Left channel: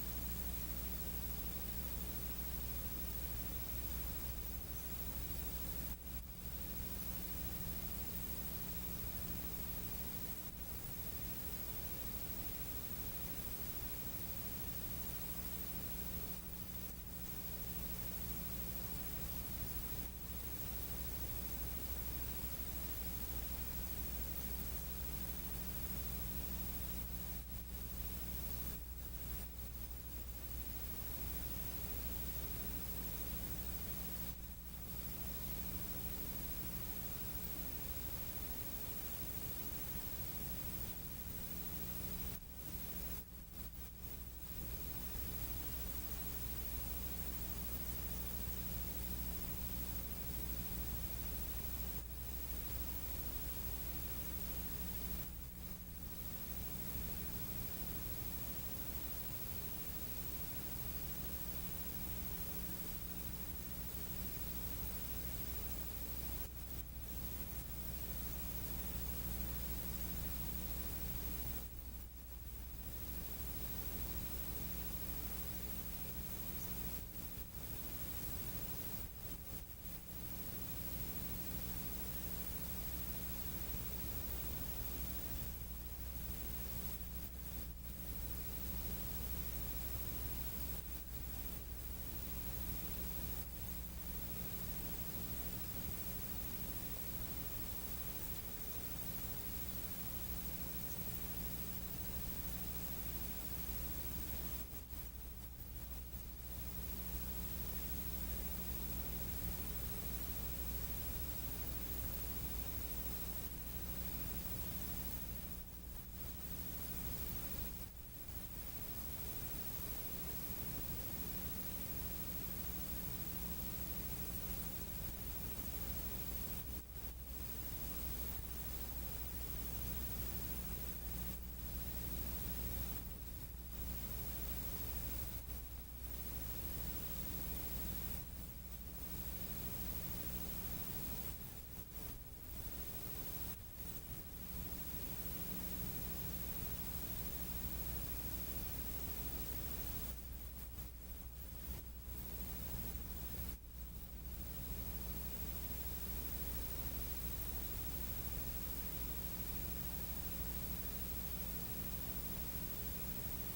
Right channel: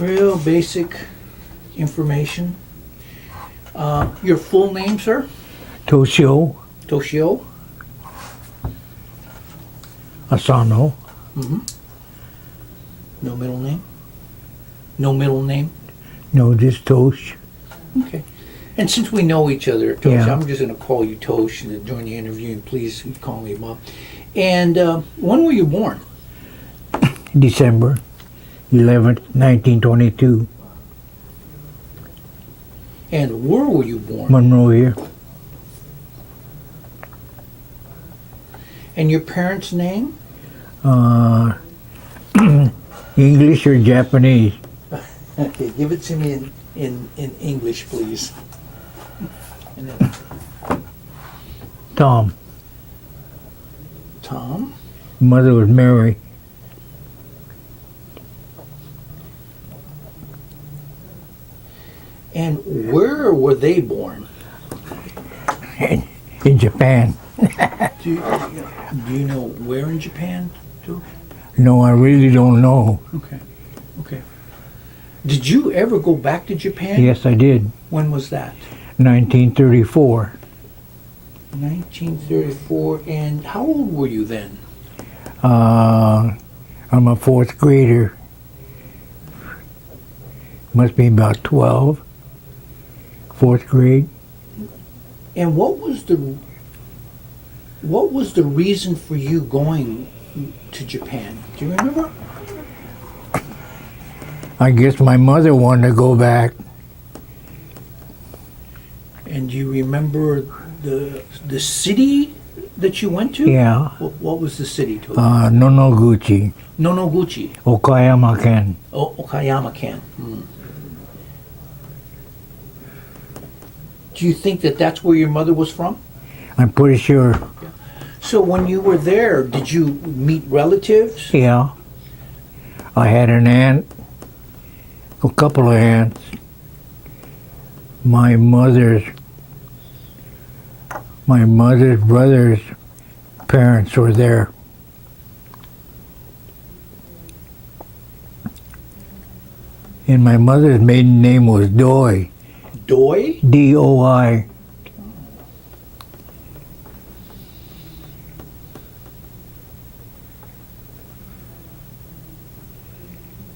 Real basic information. Your full name, sir? Toshio, Toshio? Asano, Mm-hmm. No middle name? No middle name? no, just Tosh. Okay. And since we know each other, Tosh, Yeah. I'm just going to call you Tosh during the interview, and please call me Bob. And when were you born? December 11th, 1922, And where were you born? Monrovia. And your parents' name? English or Japanese? Okay, give it to me in English, please. And then Tom. Tom? Mother was Mary. And where were they born? In Japan. Do you know where in Japan, too? No, I really don't know. Okay. Okay. Did you ever go back to Japan? Yes, I did. When was that? 1934. 1934. And how old were you then? I'm a fourth grader. Must be about 12. Fourth grade. And what was the reason for you going to Japan? Do you remember? I guess my mother wanted to go back. And do you remember the city that you went to? Yeah. What was the city to? Nonoguchi, Nonoguchi. Okayama-ken. Oh, Okayama-ken. Do you think that that's where your mother was from? I'm pretty sure. So when you were there, did you meet relatives? Yeah. I had an aunt, a couple of aunts. My mother's brother's parents were there. And my mother's maiden name was Doi. Doi? D-O-I.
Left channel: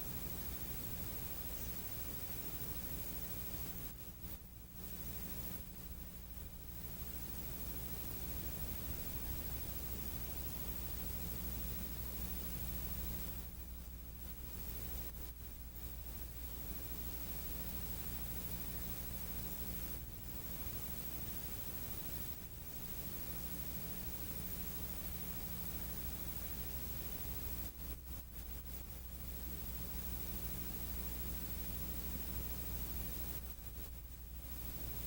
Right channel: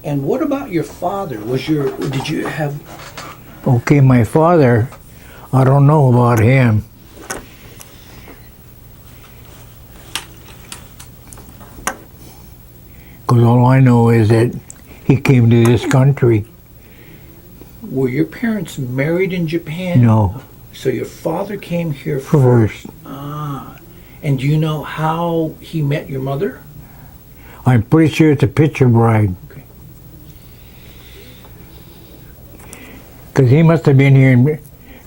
And what about your father? Did you have... Okay, my father, I don't know about him. Because all I know is that he came to this country. Were your parents married in Japan? No, So your father came here first. Ah. And do you know how he met your mother? I'm pretty sure it's a picture bride. Okay. Because he must have been here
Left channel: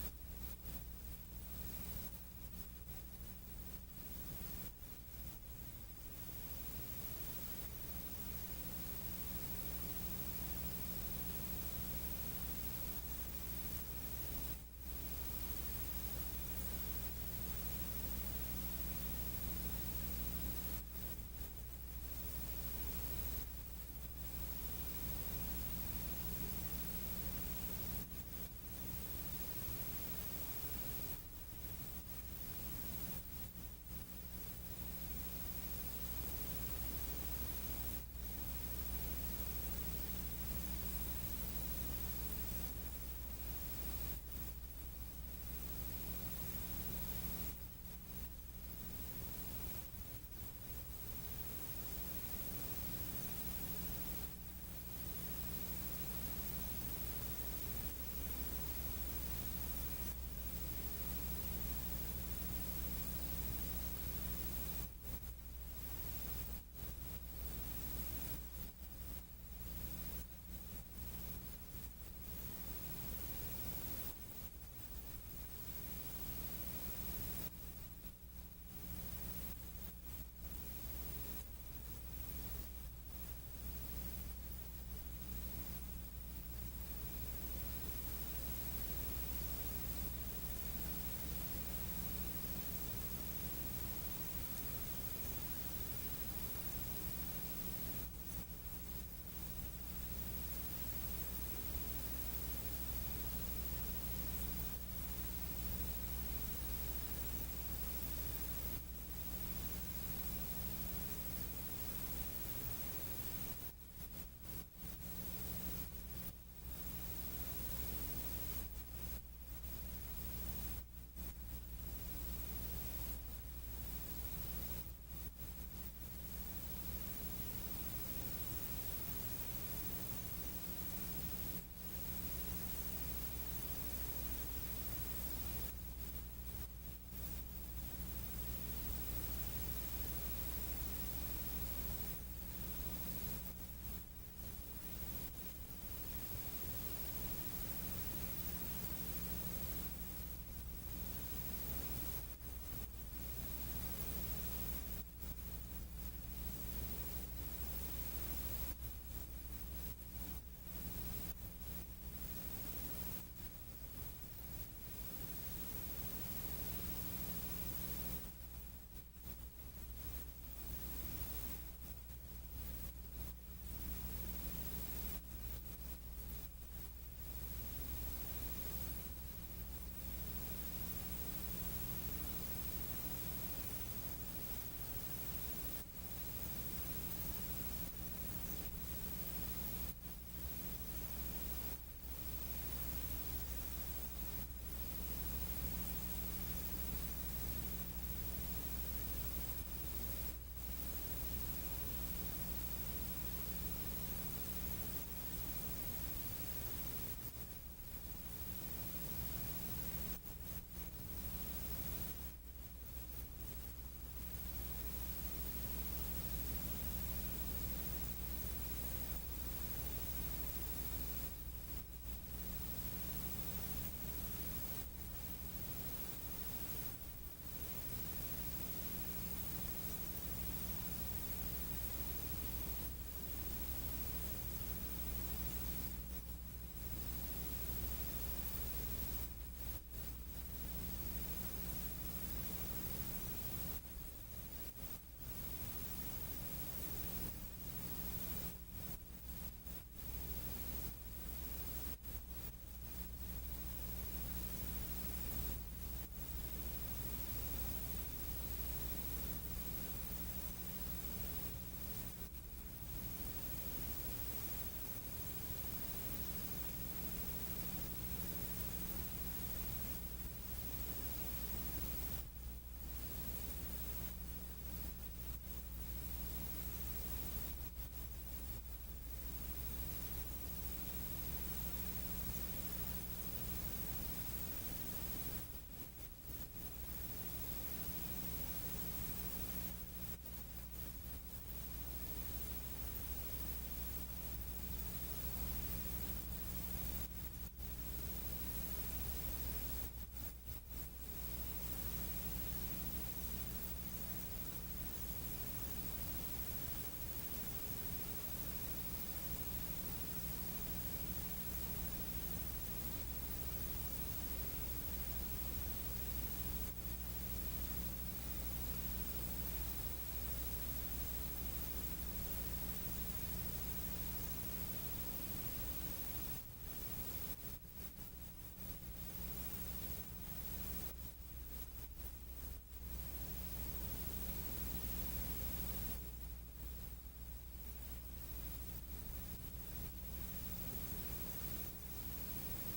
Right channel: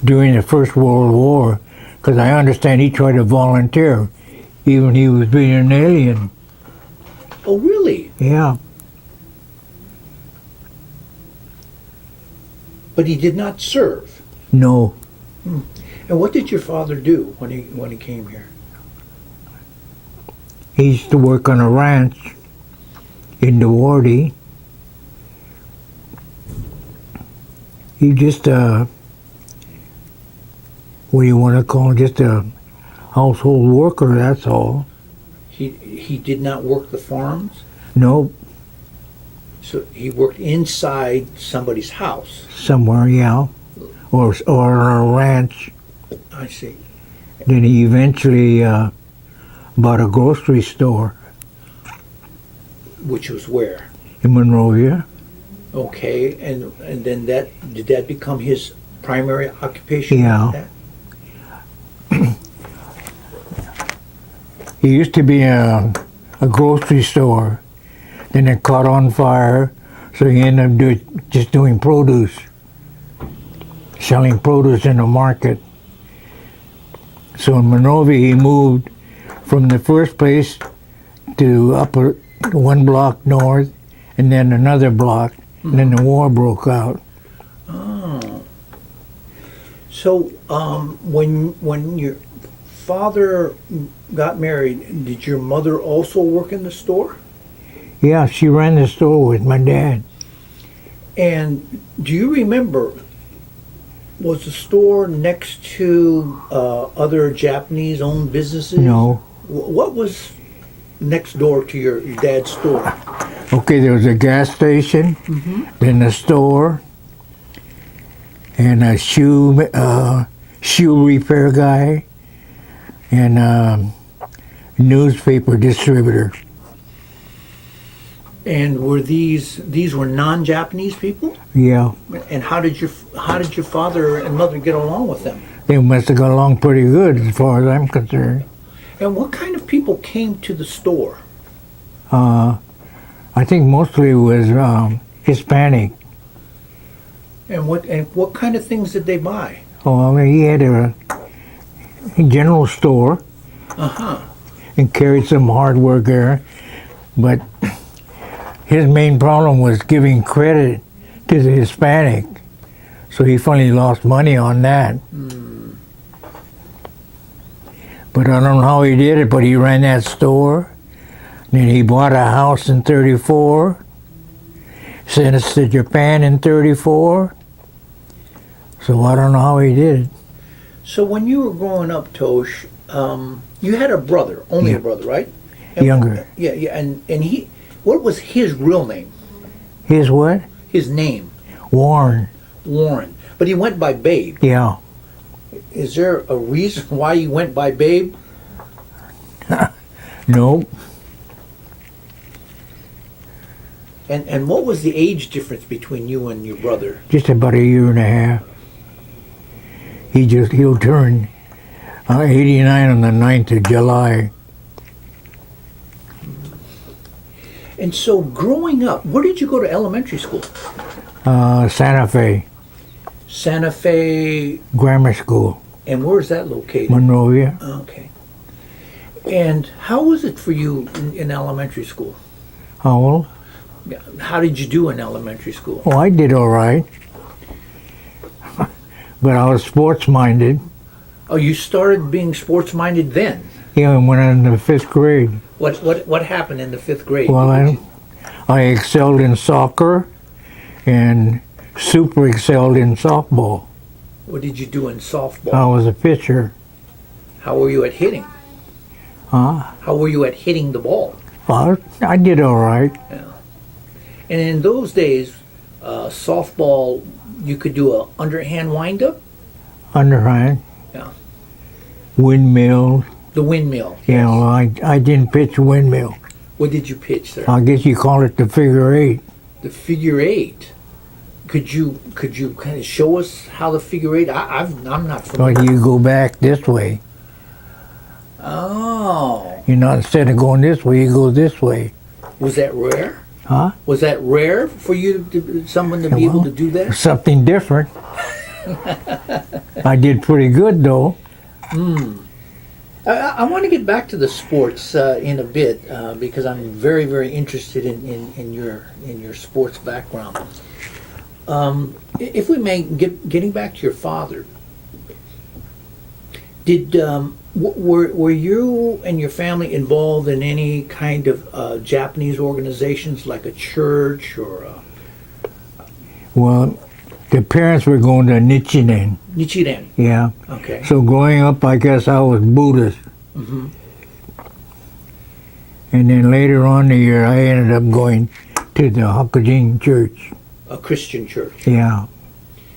during the First World War. Because I understand he tried to volunteer, even he was being an alien. Oh, really? Yeah. But he did not serve. No. And what did your father do when he came here? He used to work on a ranch in Duarte. He just, what do you want to call him? Just a household worker, that's all. He did not work the farms? No, So he worked inside somebody's house. somewhere, yeah. Or on a ranch. I see. Then he eventually bought a grocery store Which was where? in Monrovia. Okay, and then did that become his primary occupation? Yeah. He used to be a grocery store. Then it caught on fire, so he ended up just doing produce, selling produce in the market. So in Monrovia, he moved from the first place to upper one block north, and then another block, and then the war broke out. Oh. So when your father got married, did your mother also work in the store? Yeah, she ran the store with my dad. And do you remember, was the store next to other Japanese-owned businesses? No. What was next door to your dad's store? Okay, there was a gas station, then a store, and a shoe repair guy, and a newspaper distributor. And were these were non-Japanese people? Yeah, And how did your father and mother get along with them? they must have got along pretty good as far as I'm concerned. And what kind of people came to the store? I think mostly it was Hispanic. And what kind of things did they buy? Oh, I mean, he had a general store Uh-huh. and carried some hardware there, but his main problem was giving credit to the Hispanic, so he finally lost money on that. But I don't know how he did it, but he ran that store. Then he bought a house in 34, sent us to Japan in 34. So I don't know how he did it. So when you were growing up, Tosh, you had a brother, only a Yeah. brother, right? And- Younger. Yeah, yeah. And he, what was his real name? His what? His name, Warren. Warren. But he went by Babe. Yeah. Is there a reason why he went by Babe? Nope. And what was the age difference between you and your brother? Just about a year and a half. He'll turn 89 on the 9th of July. And so growing up, where did you go to elementary school? Santa Fe Santa Fe, Grammar School, and where is that located? Monrovia. Okay. And how was it for you in elementary school? How old? Yeah, how did you do in elementary school? Oh, I did all right. But I was sports-minded. Oh, you started being sports-minded then. Yeah, I went into the 5th grade. What happened in the 5th grade? Well, I excelled in soccer and super excelled in softball. What did you do in softball? I was a pitcher. How were you at hitting? Huh? How were you at hitting the ball? Well, I did all right. And in those days, softball, you could do a underhand windup, Underhand. Yeah. Windmill. the windmill. Yeah, well, I didn't pitch windmill. What did you pitch there? I guess you call it the figure 8. The figure 8. Could you kind of show us how the figure 8? I'm not familiar. Like you go back this way. Oh, You know, instead of going this way, you go this way. was that rare? Huh? Was that rare for you someone to be able to do that? Something different. I did pretty good though. I want to get back to the sports in a bit because I'm very, very interested in your sports background. If we may, getting back to your father, were you and your family involved in any kind of Japanese organizations like a church or Well, the parents were going to Nichiren. Nichiren? Yeah. Okay. So growing up, I guess I was Buddhist. Hmm. And then later on in the year, I ended up going to the Hakujin Church. A Christian church. Yeah.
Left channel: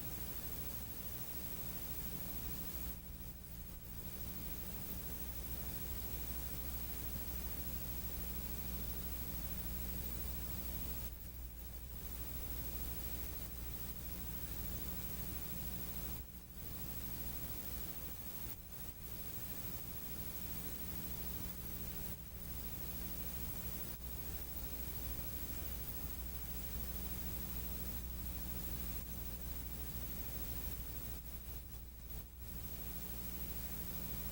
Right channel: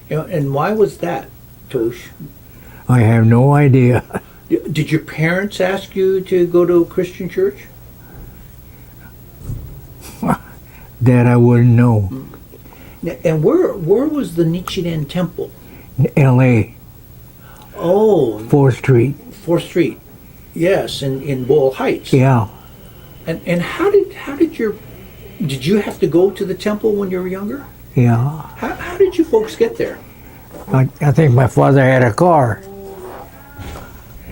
And why was that, Tosh? I have no idea. Did your parents ask you to go to a Christian church? That I wouldn't know. And where was the Nichiren temple? L.A. Oh, 4th Street. 4th Street. Yes, in Boyle Heights. Yeah. And how did you have to go to the temple when you were younger? Yeah. How did you folks get there? I think my father had a car.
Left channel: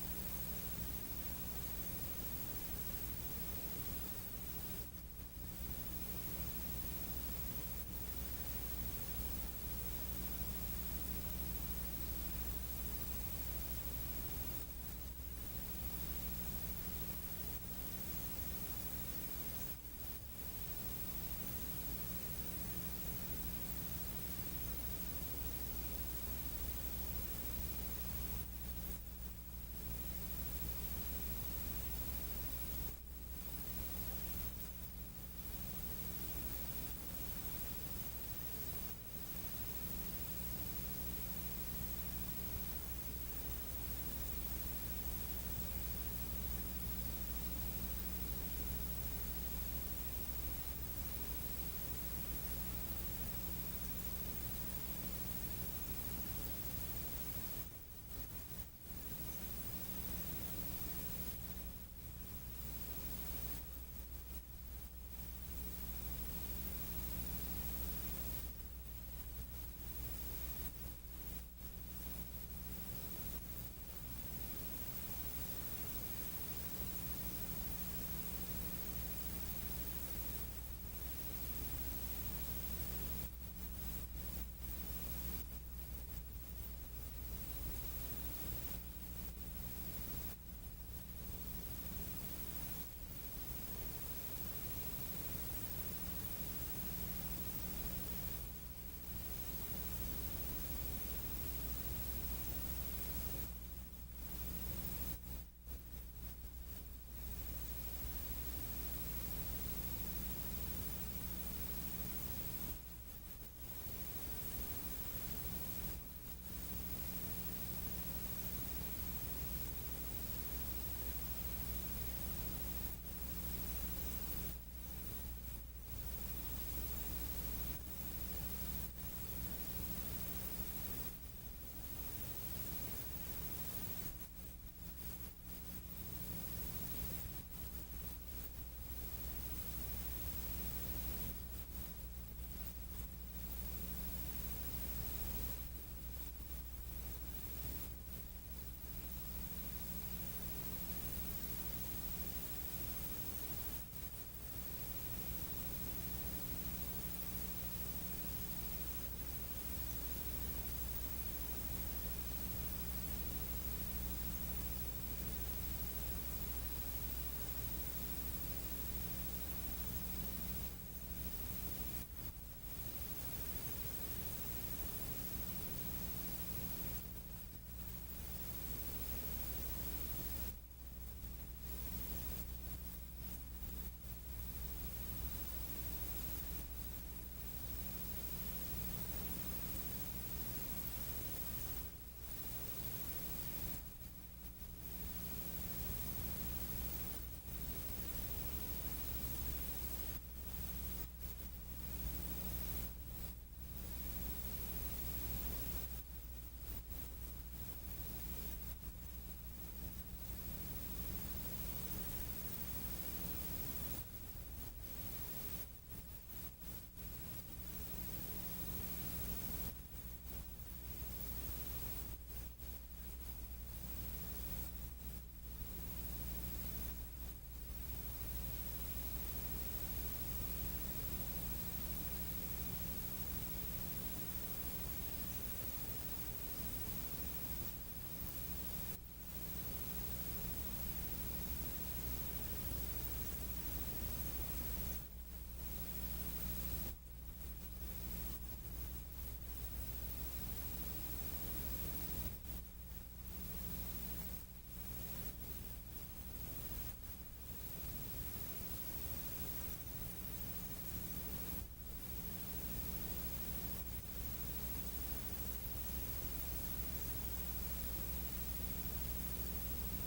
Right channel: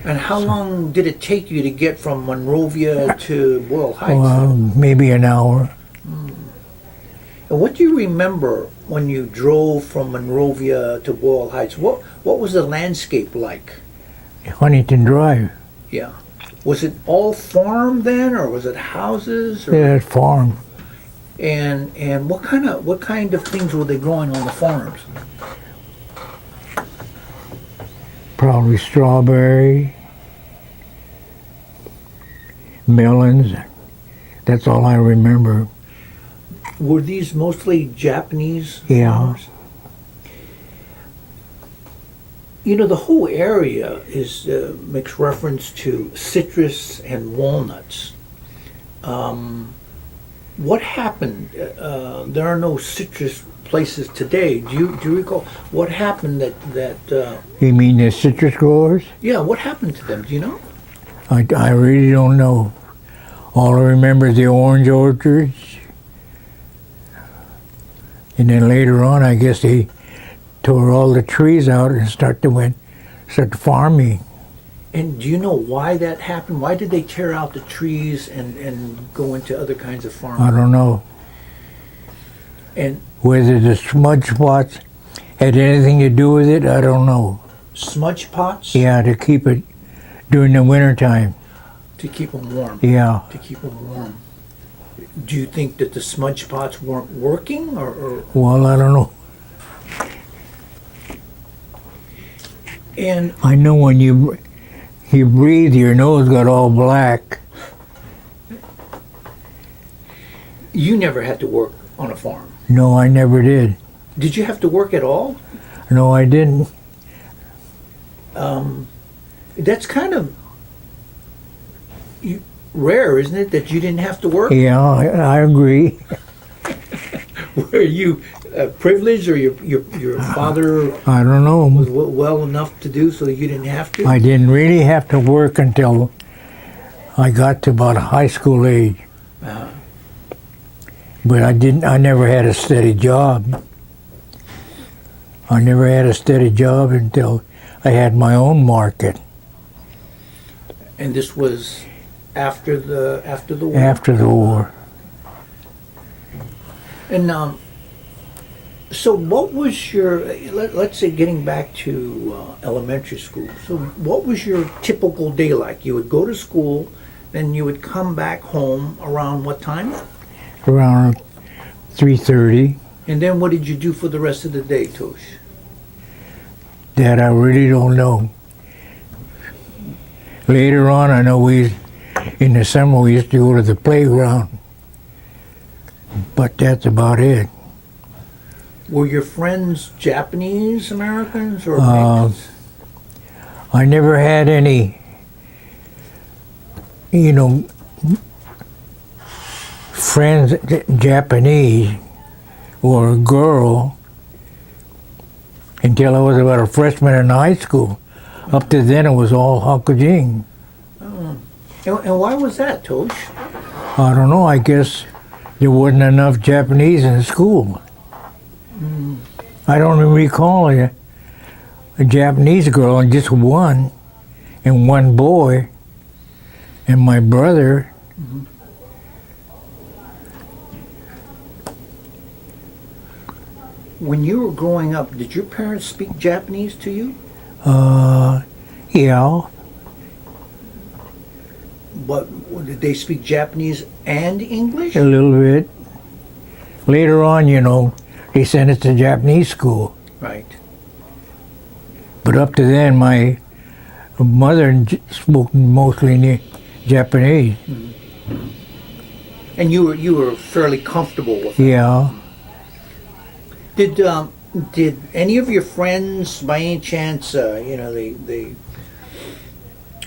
And how long did it take you to get from Monrovia to Boyle Heights? Well, maybe an hour. And what do you remember when you drove from Monrovia to Boyle Heights? What was the landscape like? Huntington Drive. Yeah. Was it all farm then, or was it houses? Or, Yeah, farm. And what kind of things were they growing on the farms? Probably strawberry, melons. That's all I remember. Were these mostly Japanese Yeah. farmers? You know, the whole area is makes reference to citrus and walnuts. What happened? There are no citrus places today. Do you recall what happened that You mean the citrus growers? yeah, what happened to them? Do you know? I really don't know. All I remember is the orange orchards. And then later on, I guess they tore all the trees out and start farming. And do you know why that happened? Why did they tear out the trees and go into other kinds of farming? I don't know And whether the smudge spots had anything to do with it. I don't know. smudge pots? Yeah, to keep it during the wintertime. To keep them warm. Yeah. To keep them warm. Do you think that the smudge pots weren't working, or Well, I don't know. and I know when you breathe, your nose got all black. you never had to work on a farm? No, I never did. Did you have to work at all? No, I didn't. That's kind of rare, isn't it, that you didn't have to work? Yeah, I agree. Were you privileged, or your father I don't know. was well enough to do so you didn't have to? I didn't really have to work until I got to about high school age. Uh, But I never had a steady job. I never had a steady job until I had my own market and this was after the war. after the war. And so what was your, let's say getting back to elementary school, so what was your typical day like? You would go to school, then you would come back home around what time? Around 3:30. And then what did you do for the rest of the day, Tosh? That I really don't know. Later on, I know in the summer we used to go to the playground, but that's about it. Were your friends Japanese Americans or Uh, mixed? I never had any, friends Japanese or a girl until I was about a freshman in high school. Up to then, it was all Hakujing. And why was that, Tosh? I don't know. I guess there wasn't enough Japanese in school. I don't even recall a Japanese girl and just one, and one boy, and my brother. When you were growing up, did your parents speak Japanese to you? Yeah, But did they speak Japanese and English? a little bit. Later on, they sent us to Japanese school. Right. But up to then, my mother spoke mostly Japanese. And you were fairly comfortable with it. Yeah. Did any of your friends, by any chance, they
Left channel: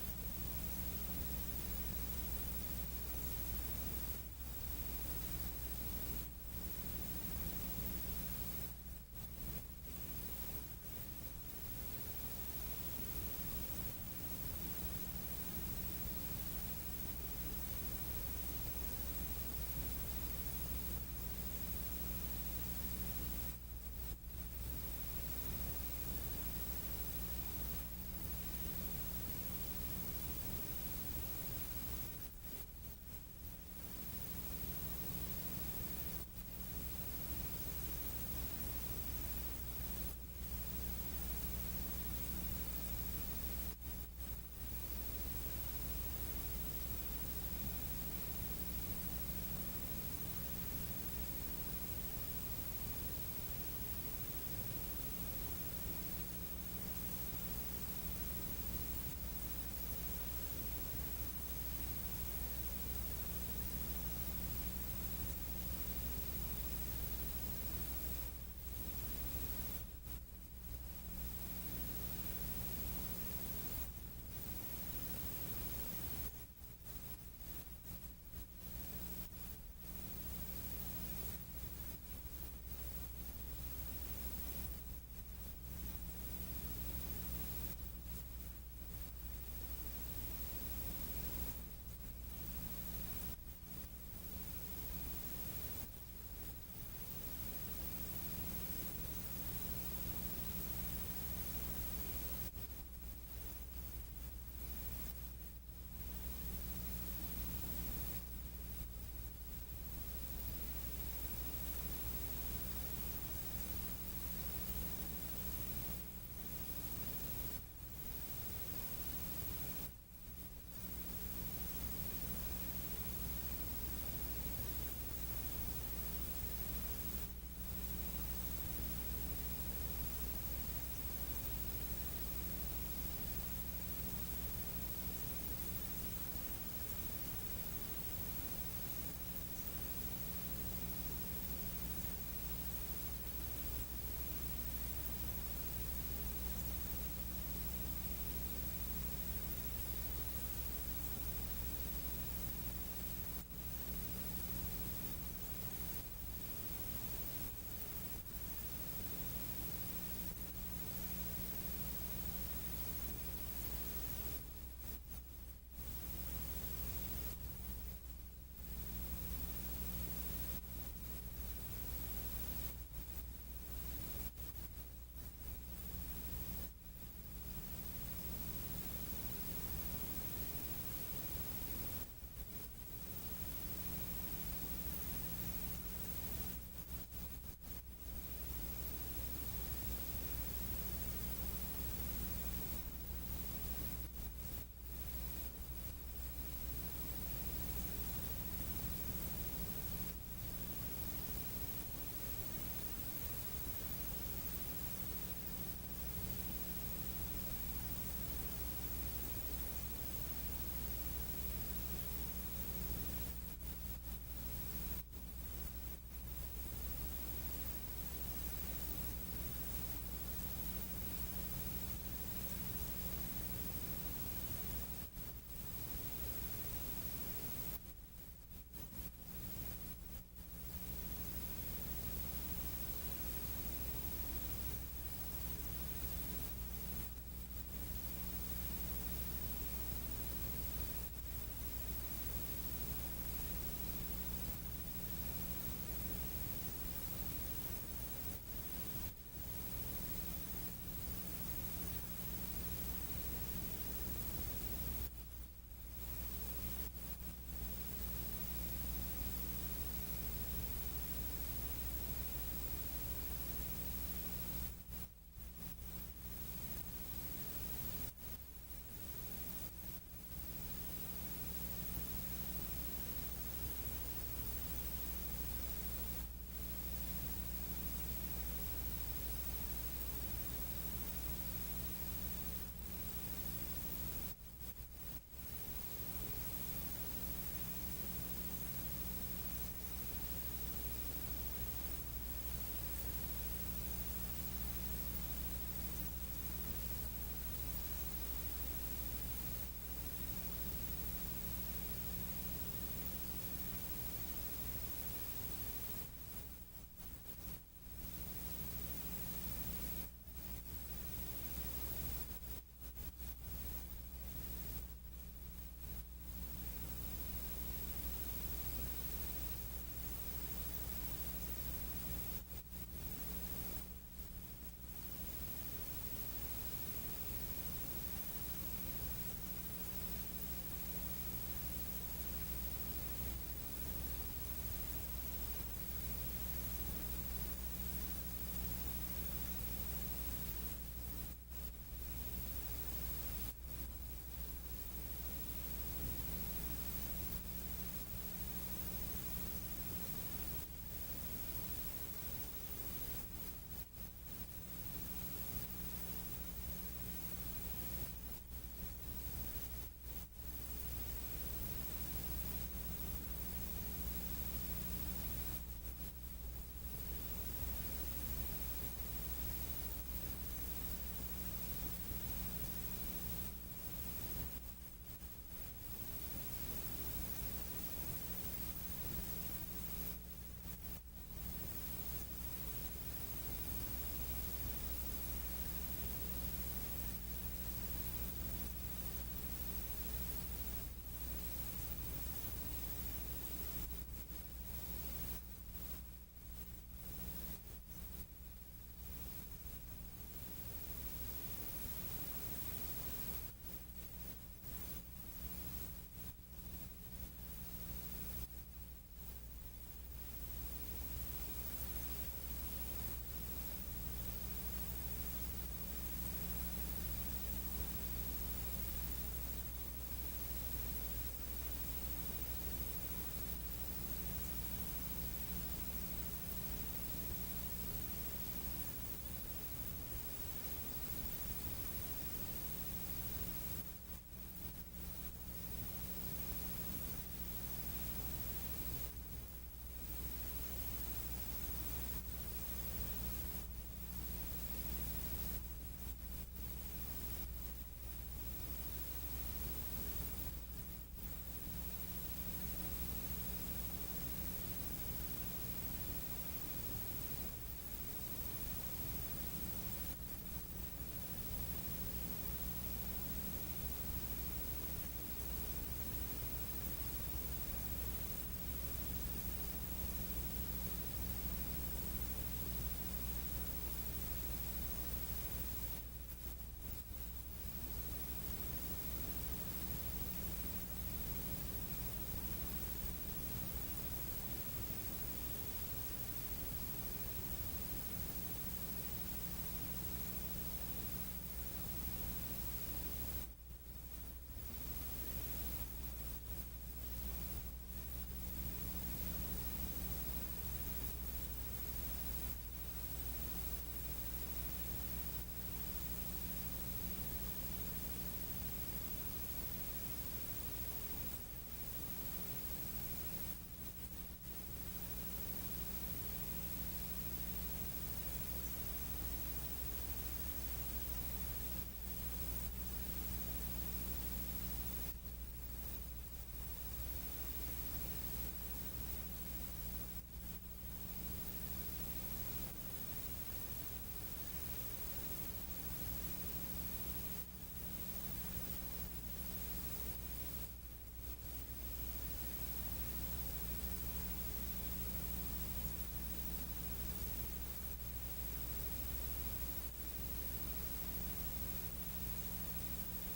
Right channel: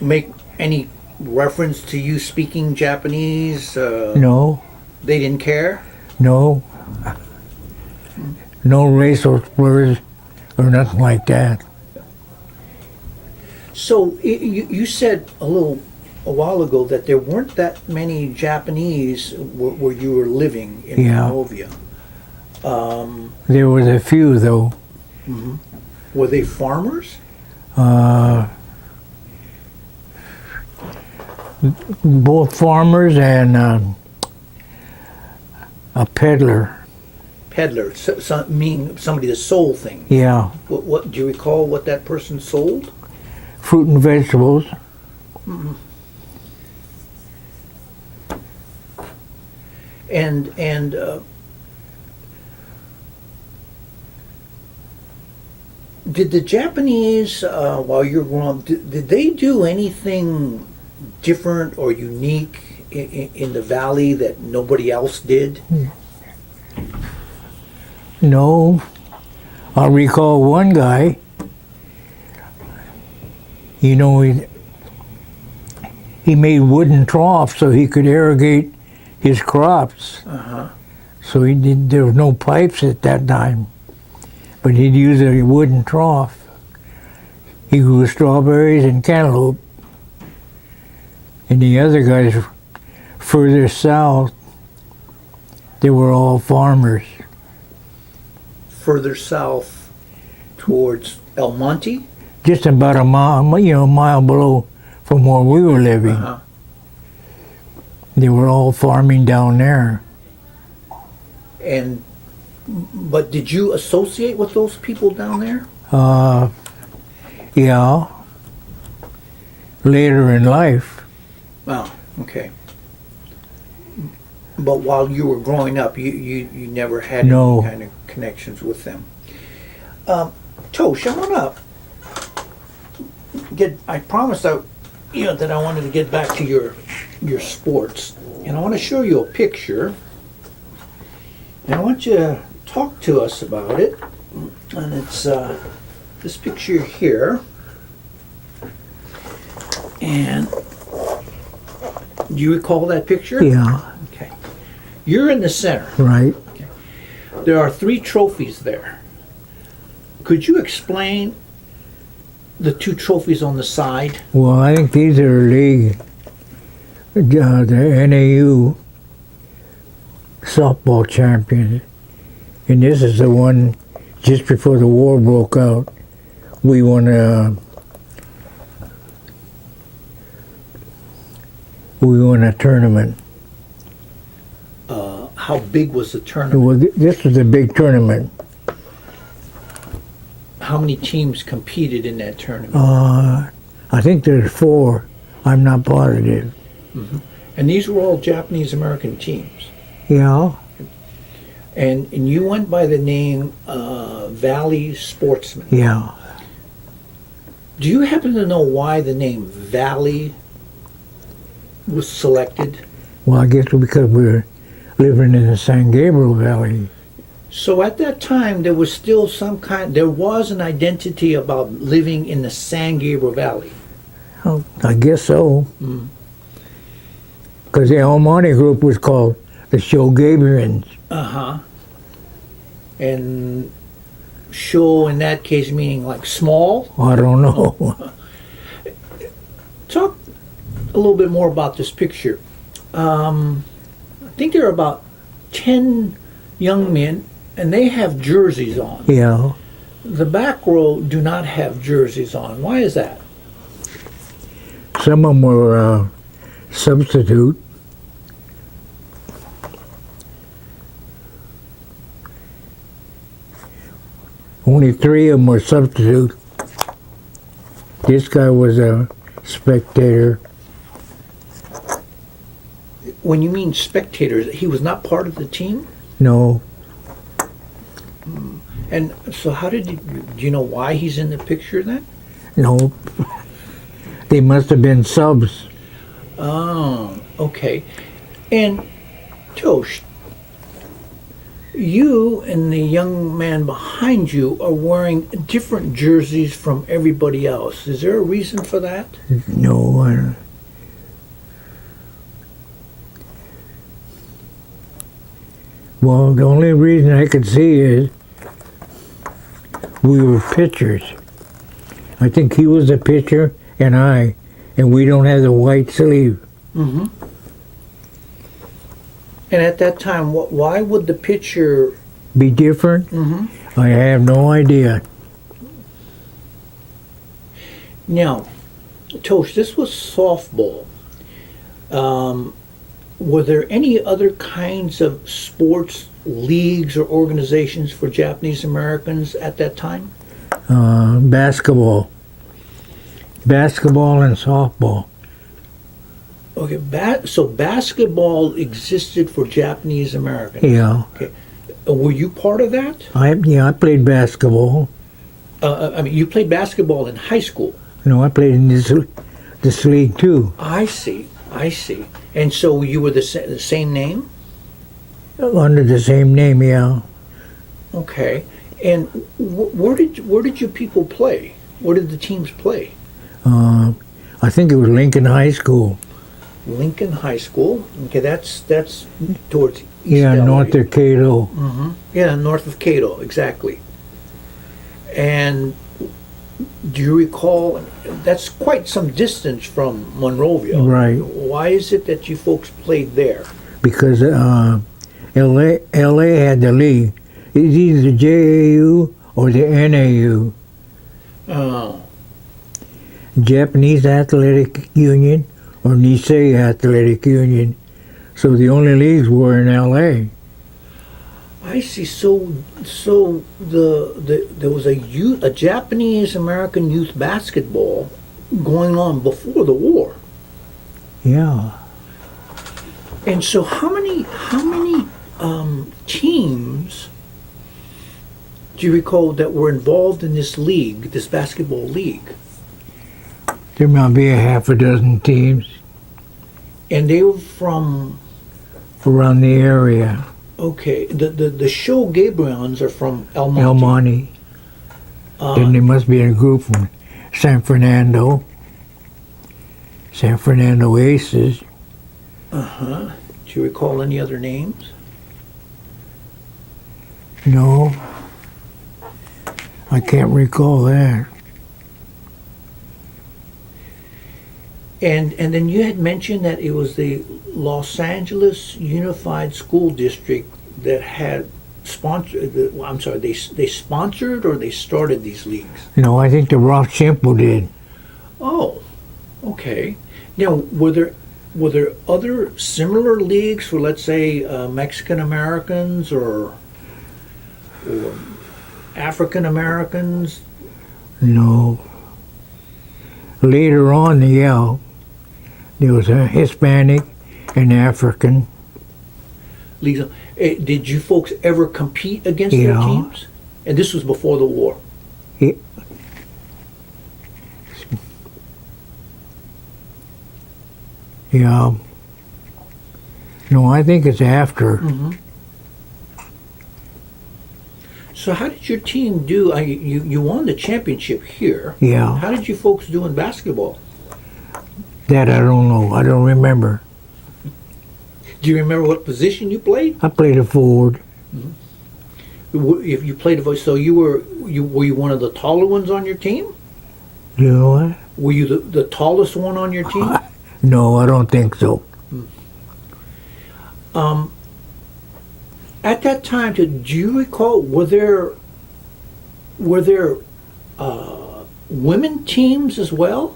make any reference to you speaking Japanese? No, They didn't care? no. No racial slurs or nothing like that. So you said a while ago that there weren't that many Japanese where you were living in Yeah. Monrovia. There was a few, though. Were they farmers? Both farmers and a peddler. Peddlers, meaning somebody that sold things. Yeah, What do you recall what that person sold? fruit and vegetables. And did the Japanese, while you were growing up, did they do anything different or unique in the valley that nobody else did? No. I recall one guy, you know, he made wooden troughs so he could irrigate his crops. Uh-huh. So there was no pipes at that time, but he'd use a wooden trough. He grew strawberries and cantaloupe. And the other guys further south, they were all farmers. Further south towards El Monte? Just about a mile below from where we were living. Uh-huh. They were all farming down there. But did you associate with those people down there? Yeah. Later in life. Oh, okay. But while you were growing up, you never had No. any kind of connections with them. Tosh, I wanna I promised that I wanted to get back to your sports, and I want to show you a picture, and I want you to talk to us about it. And it's this picture here, and do you recall that picture? Yeah, Okay. You're in the center. right. There are 3 trophies there. Could you explain the 2 trophies on the side? Well, I think these are league, the NAU softball champions. And this is the one just before the war broke out. We won a tournament. How big was the tournament? Well, this was a big tournament. How many teams competed in that tournament? I think there's 4. I'm not positive. And these were all Japanese American teams. Yeah. And you went by the name Valley Sportsman. Yeah. Do you happen to know why the name Valley was selected? Well, I guess because we're living in the San Gabriel Valley. So at that time, there was still there was an identity about living in the San Gabriel Valley. Oh, I guess so. Mm. Because the El Monte group was called the Shogabrians. Uh-huh. And show in that case meaning like small? I don't know. Talk a little bit more about this picture. I think there are about 10 young men, and they have jerseys on. Yeah. The back row do not have jerseys on. Why is that? Some of them were substitute. Only 3 of them were substitute. This guy was a spectator. When you mean spectators, he was not part of the team? No, And so how do you know why he's in the picture then? no. They must have been subs. Oh, okay. And Tosh, you and the young man behind you are wearing different jerseys from everybody else. Is there a reason for that? No, I don't. Well, the only reason I could see is we were pitchers. I think he was a pitcher and we don't have the white sleeve. Mm-hmm. And at that time, why would the pitcher... Be different? Mm-hmm. I have no idea. Now, Tosh, this was softball. Were there any other kinds of sports leagues or organizations for Japanese Americans at that time? Basketball and softball. Okay, so basketball existed for Japanese Americans. Yeah. Okay. Were you part of that? I played basketball. I mean, you played basketball in high school. I played in this league too. I see. I see. And so you were the same name? Under the same name, yeah. Okay. And where did you people play? Where did the teams play? I think it was Lincoln High School. Lincoln High School. Okay, that's towards East Yeah, LA. north of Cato. Yeah, north of Cato, exactly. And do you recall? That's quite some distance from Monrovia. Right. Why is it that you folks played there? Because LA had the league. It's either the JAU or the NAU, Oh, Japanese Athletic Union or Nisei Athletic Union. So the only leagues were in LA. I see. So there was a Japanese American youth basketball going on before the war. Yeah. And so how many teams do you recall that were involved in this league, this basketball league? There might be a half a dozen teams And they were from, around the area. okay, the Show Gabrions are from El Monte. El Monte. Then there must be a group from San Fernando. San Fernando Aces. Uh-huh. Do you recall any other names? No. I can't recall that. And then you had mentioned that it was the Los Angeles Unified School District that had sponsored. I'm sorry, they sponsored or they started these leagues. I think the Rock Simple did. Oh, okay. Now, were there other similar leagues for, let's say, Mexican Americans or African Americans? No. Later on, yeah, there was a Hispanic and African. Leagues. Did you folks ever compete against their Yeah. teams? And this was before the war. Yeah. No, I think it's after. So how did your team do? You won the championship here. Yeah. How did you folks do in basketball? That I don't know. I don't remember. Do you remember what position you played? I played a forward. If you played so were you one of the taller ones on your team? You know what? Were you the tallest one on your team? No, I don't think so. At that time, do you recall? Were there women teams as well?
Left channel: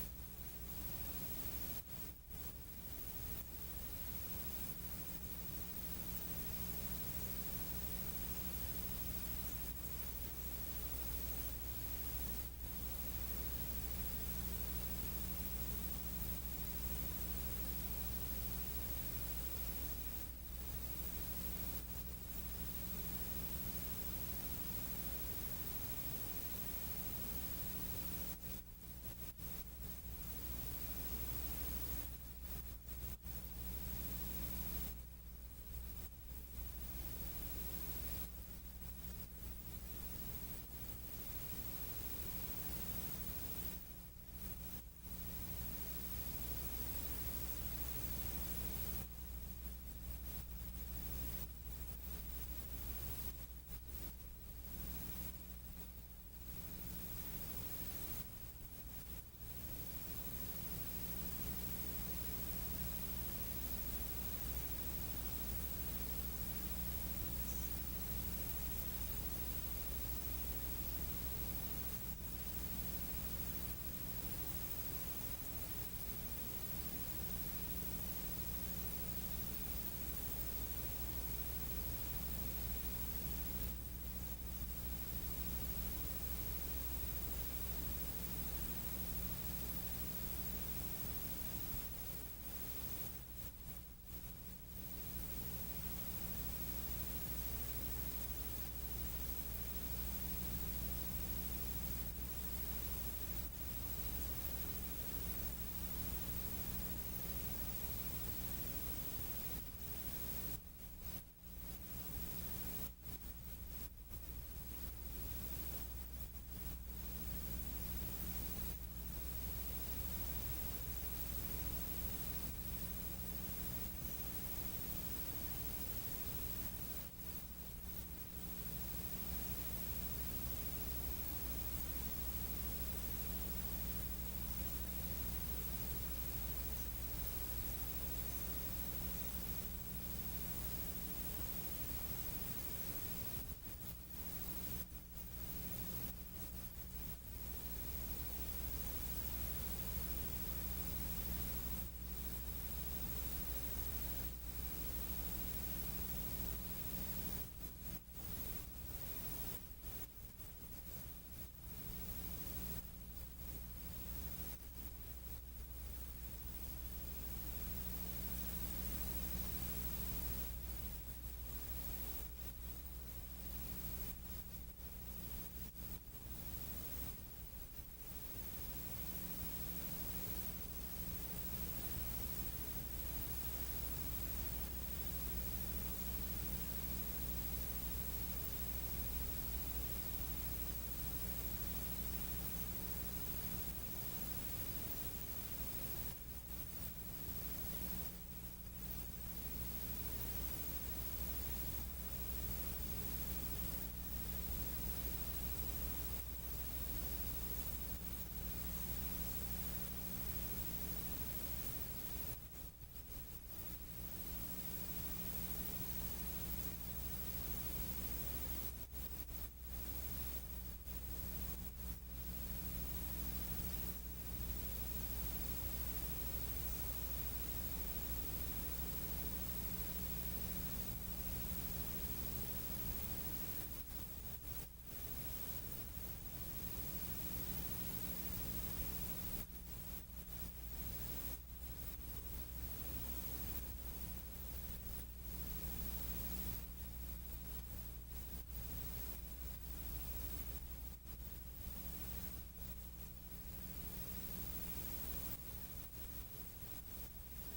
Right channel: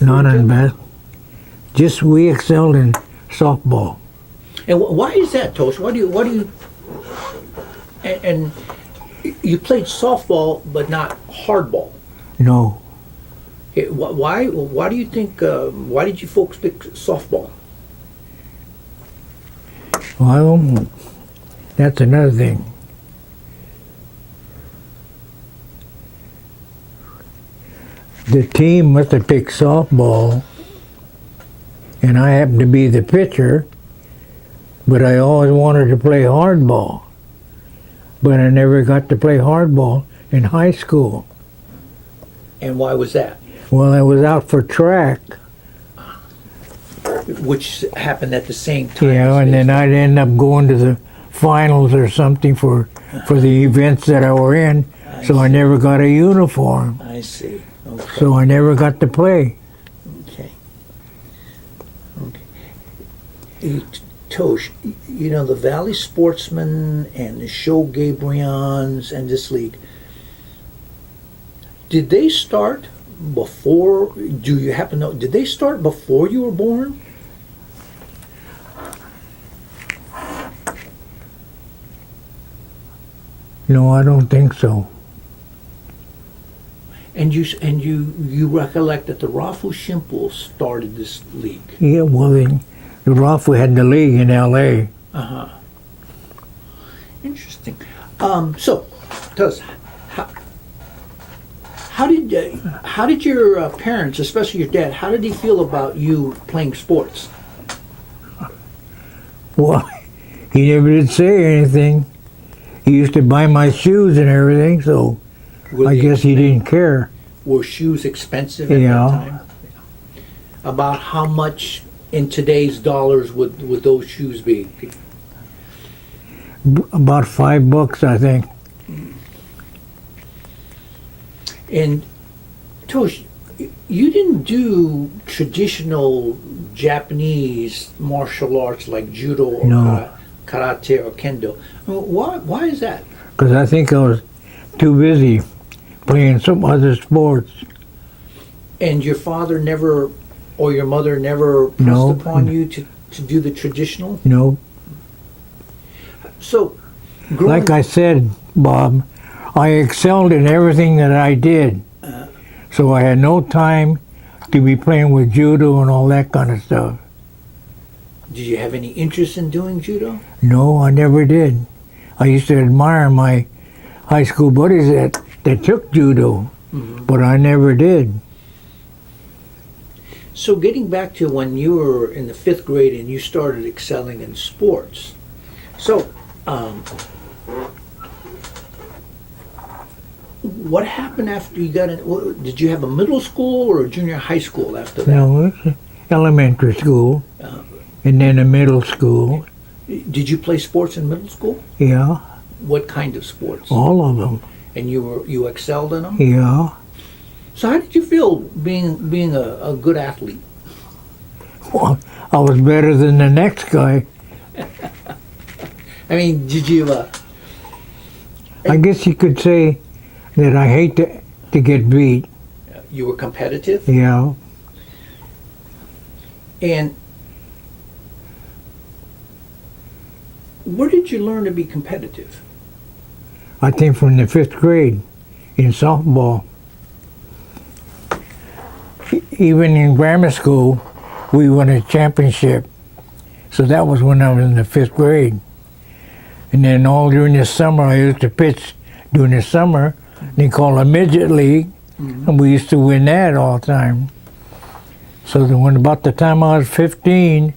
Not in basketball. Just we excelled in softball. And why is that, Tosh? Why do you? And you played softball, but not hardball. No. Why do you think? Why did you folks pick softball? Well, that's another thing. The team must have picked softball, and I happened to be the pitcher, but I always wanted to play hardball. But I never got to play hardball in high school. And why was that? Well, I was out for track, Which happened at the same time. and then I'd end up going to the finals or something for the events that I were in, so I never got a uniform. I see. Okay. So I never got to play. Okay. Tosh, the Valley Sportsmen and the Show Gabrions and this league, did they start before, do you happen to know, did they start before you were born? No, I don't think so. And you recollect that the Rafu Shimples started this league. Yeah, well, the Rafu had the league in L.A. Uh-huh. Interesting. So, tell us, how did your parents, especially your dad, how did he feel about you playing sports? Well, he never did say anything. He used to buy my shoes and everything, so I guess he didn't care. Were shoes expensive at Yeah. that time? About how much in today's dollars would those shoes be? About $5, I think. And Tosh, you didn't do traditional Japanese martial arts like judo or No. karate or kendo. Why is that? Because I think I was too busy playing some other sports. And your father never, or your mother never pressed No. upon you to do the traditional? No. So, growing, Like I said, Bob, I excelled in everything that I did. So I had no time to be playing with judo and all that kind of stuff. did you have any interest in doing judo? No, I never did. I used to admire my high school buddies that took judo, but I never did. So getting back to when you were in the 5th grade and you started excelling in sports. So, what happened after you got in? Did you have a middle school or a junior high school after that? No, it's elementary school, and then a middle school. Did you play sports in middle school? Yeah, What kind of sports? all of them. And you excelled in them? Yeah. So how did you feel being a good athlete? Well, I was better than the next guy. I mean, did you? I guess you could say that I hate to get beat. You were competitive, Yeah. and where did you learn to be competitive? I think from the 5th grade in softball. Even in grammar school, we won a championship. So that was when I was in the 5th grade. And then all during the summer, I used to pitch during the summer. They call it a midget league, and we used to win that all the time. So then when about the time I was 15,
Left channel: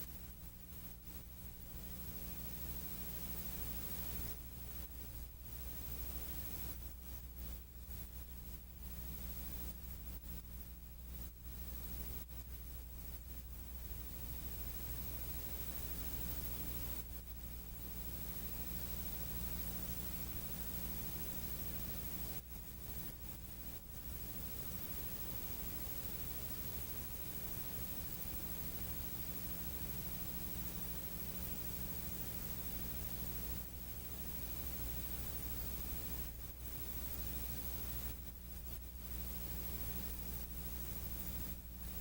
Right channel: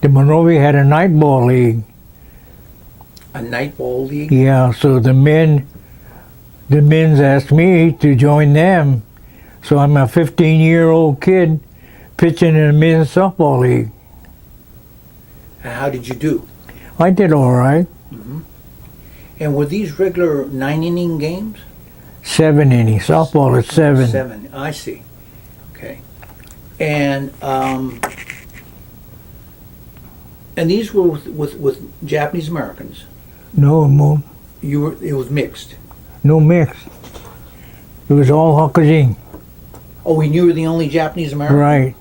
the Monrovia had a night ball league. A night ball league? Yeah, so the men's asked me to join them. So I'm a 15-year-old kid pitching in a men's softball league. And how did you do? I did all right. And were these regular 9-inning games? 7 innings. Softball is 7. 7. I see. Okay. And these were with Japanese Americans. No, It was mixed. no mix. It was all Hokkaido. Oh, and you were the only Japanese American? Right.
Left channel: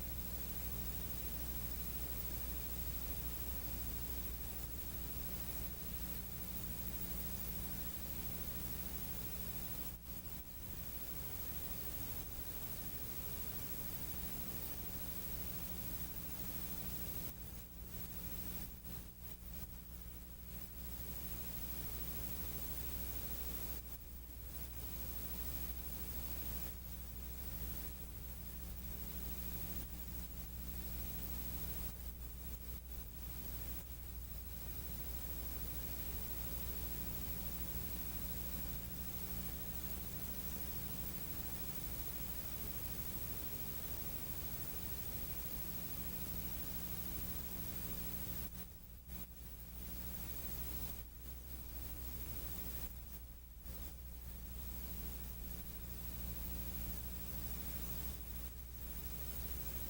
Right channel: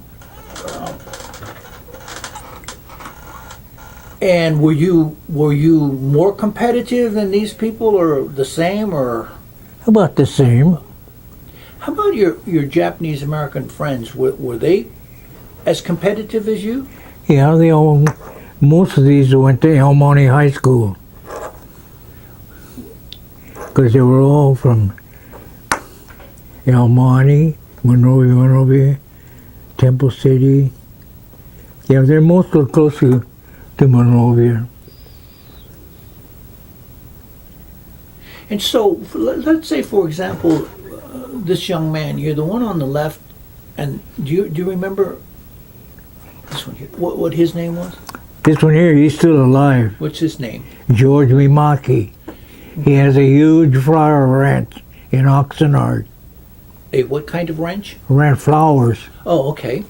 And were you more competitive than these people, or the same, or About the same. how about your Japanese American friends? Were they as competitive as you? Yeah, most of these went to El Monte High School. Because they were all from El Monte, Monrovia, Temple City. Yeah, they're mostly close to Monrovia. And so, let's say, for example, this young man, you're the one on the left, and do you remember this one here? What his name was? This one here, he's still alive. What's his name? George Mimaki. He has a huge flower ranch in Oxnard. What kind of ranch? Ran flowers. Oh, okay.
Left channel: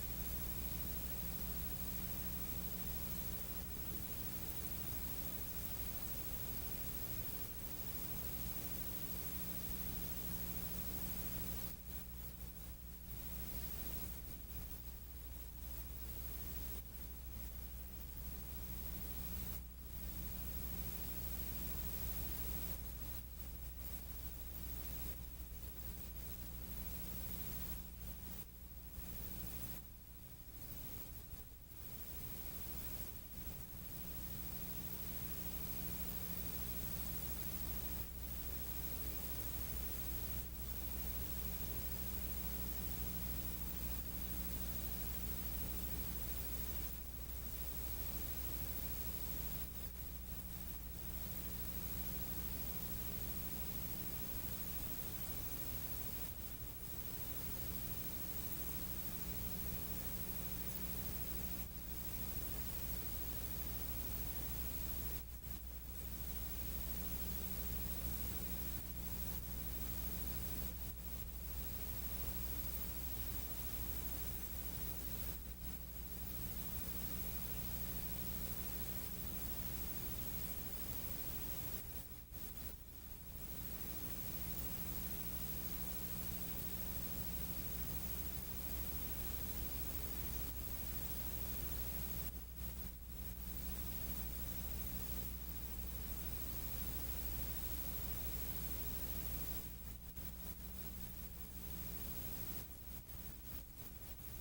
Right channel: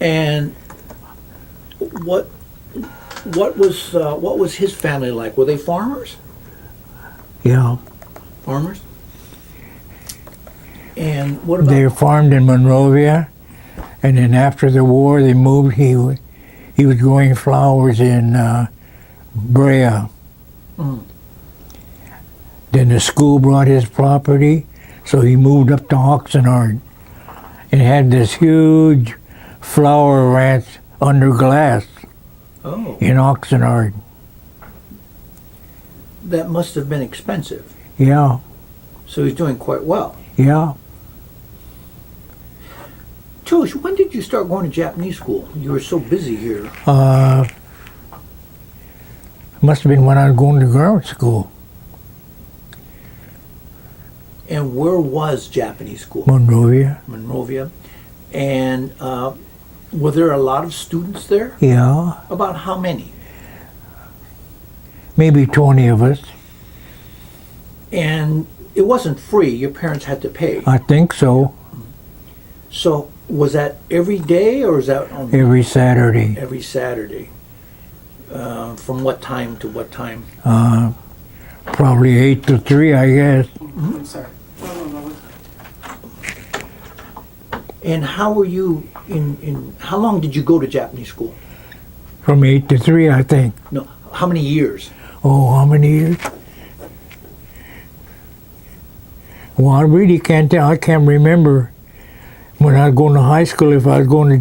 And what was his family like? Were they farmers? Yeah. Farmers? And what about? They farmed in Monrovia, and then after the war they moved. He was growing flowers in Brea. Mm. Then the school brought his property, so he moved up to Oxnard and had this huge flower ranch under glass Oh, in Oxnard. that must have been expensive. Yeah, So he's doing quite well. yeah. Tosh, when did you start going to Japanese school? You were so busy here. Must have been when I was going to grammar school, And where was Japanese school? Monrovia. Monrovia. And were there a lot of students there? Yeah, About how many? maybe 20 of us. And it wasn't free. Your parents had to pay. I think so. So was that every day or was that on Every Saturday. every Saturday? From what time to what time? Probably 8 to 3, I guess. I'm sorry. And how were you how long did you go to Japanese school? From 8 to 3, I think. No, how many years? Oh, how many years? Well, I really can't tell. I can't remember when I was going to high school if I was going to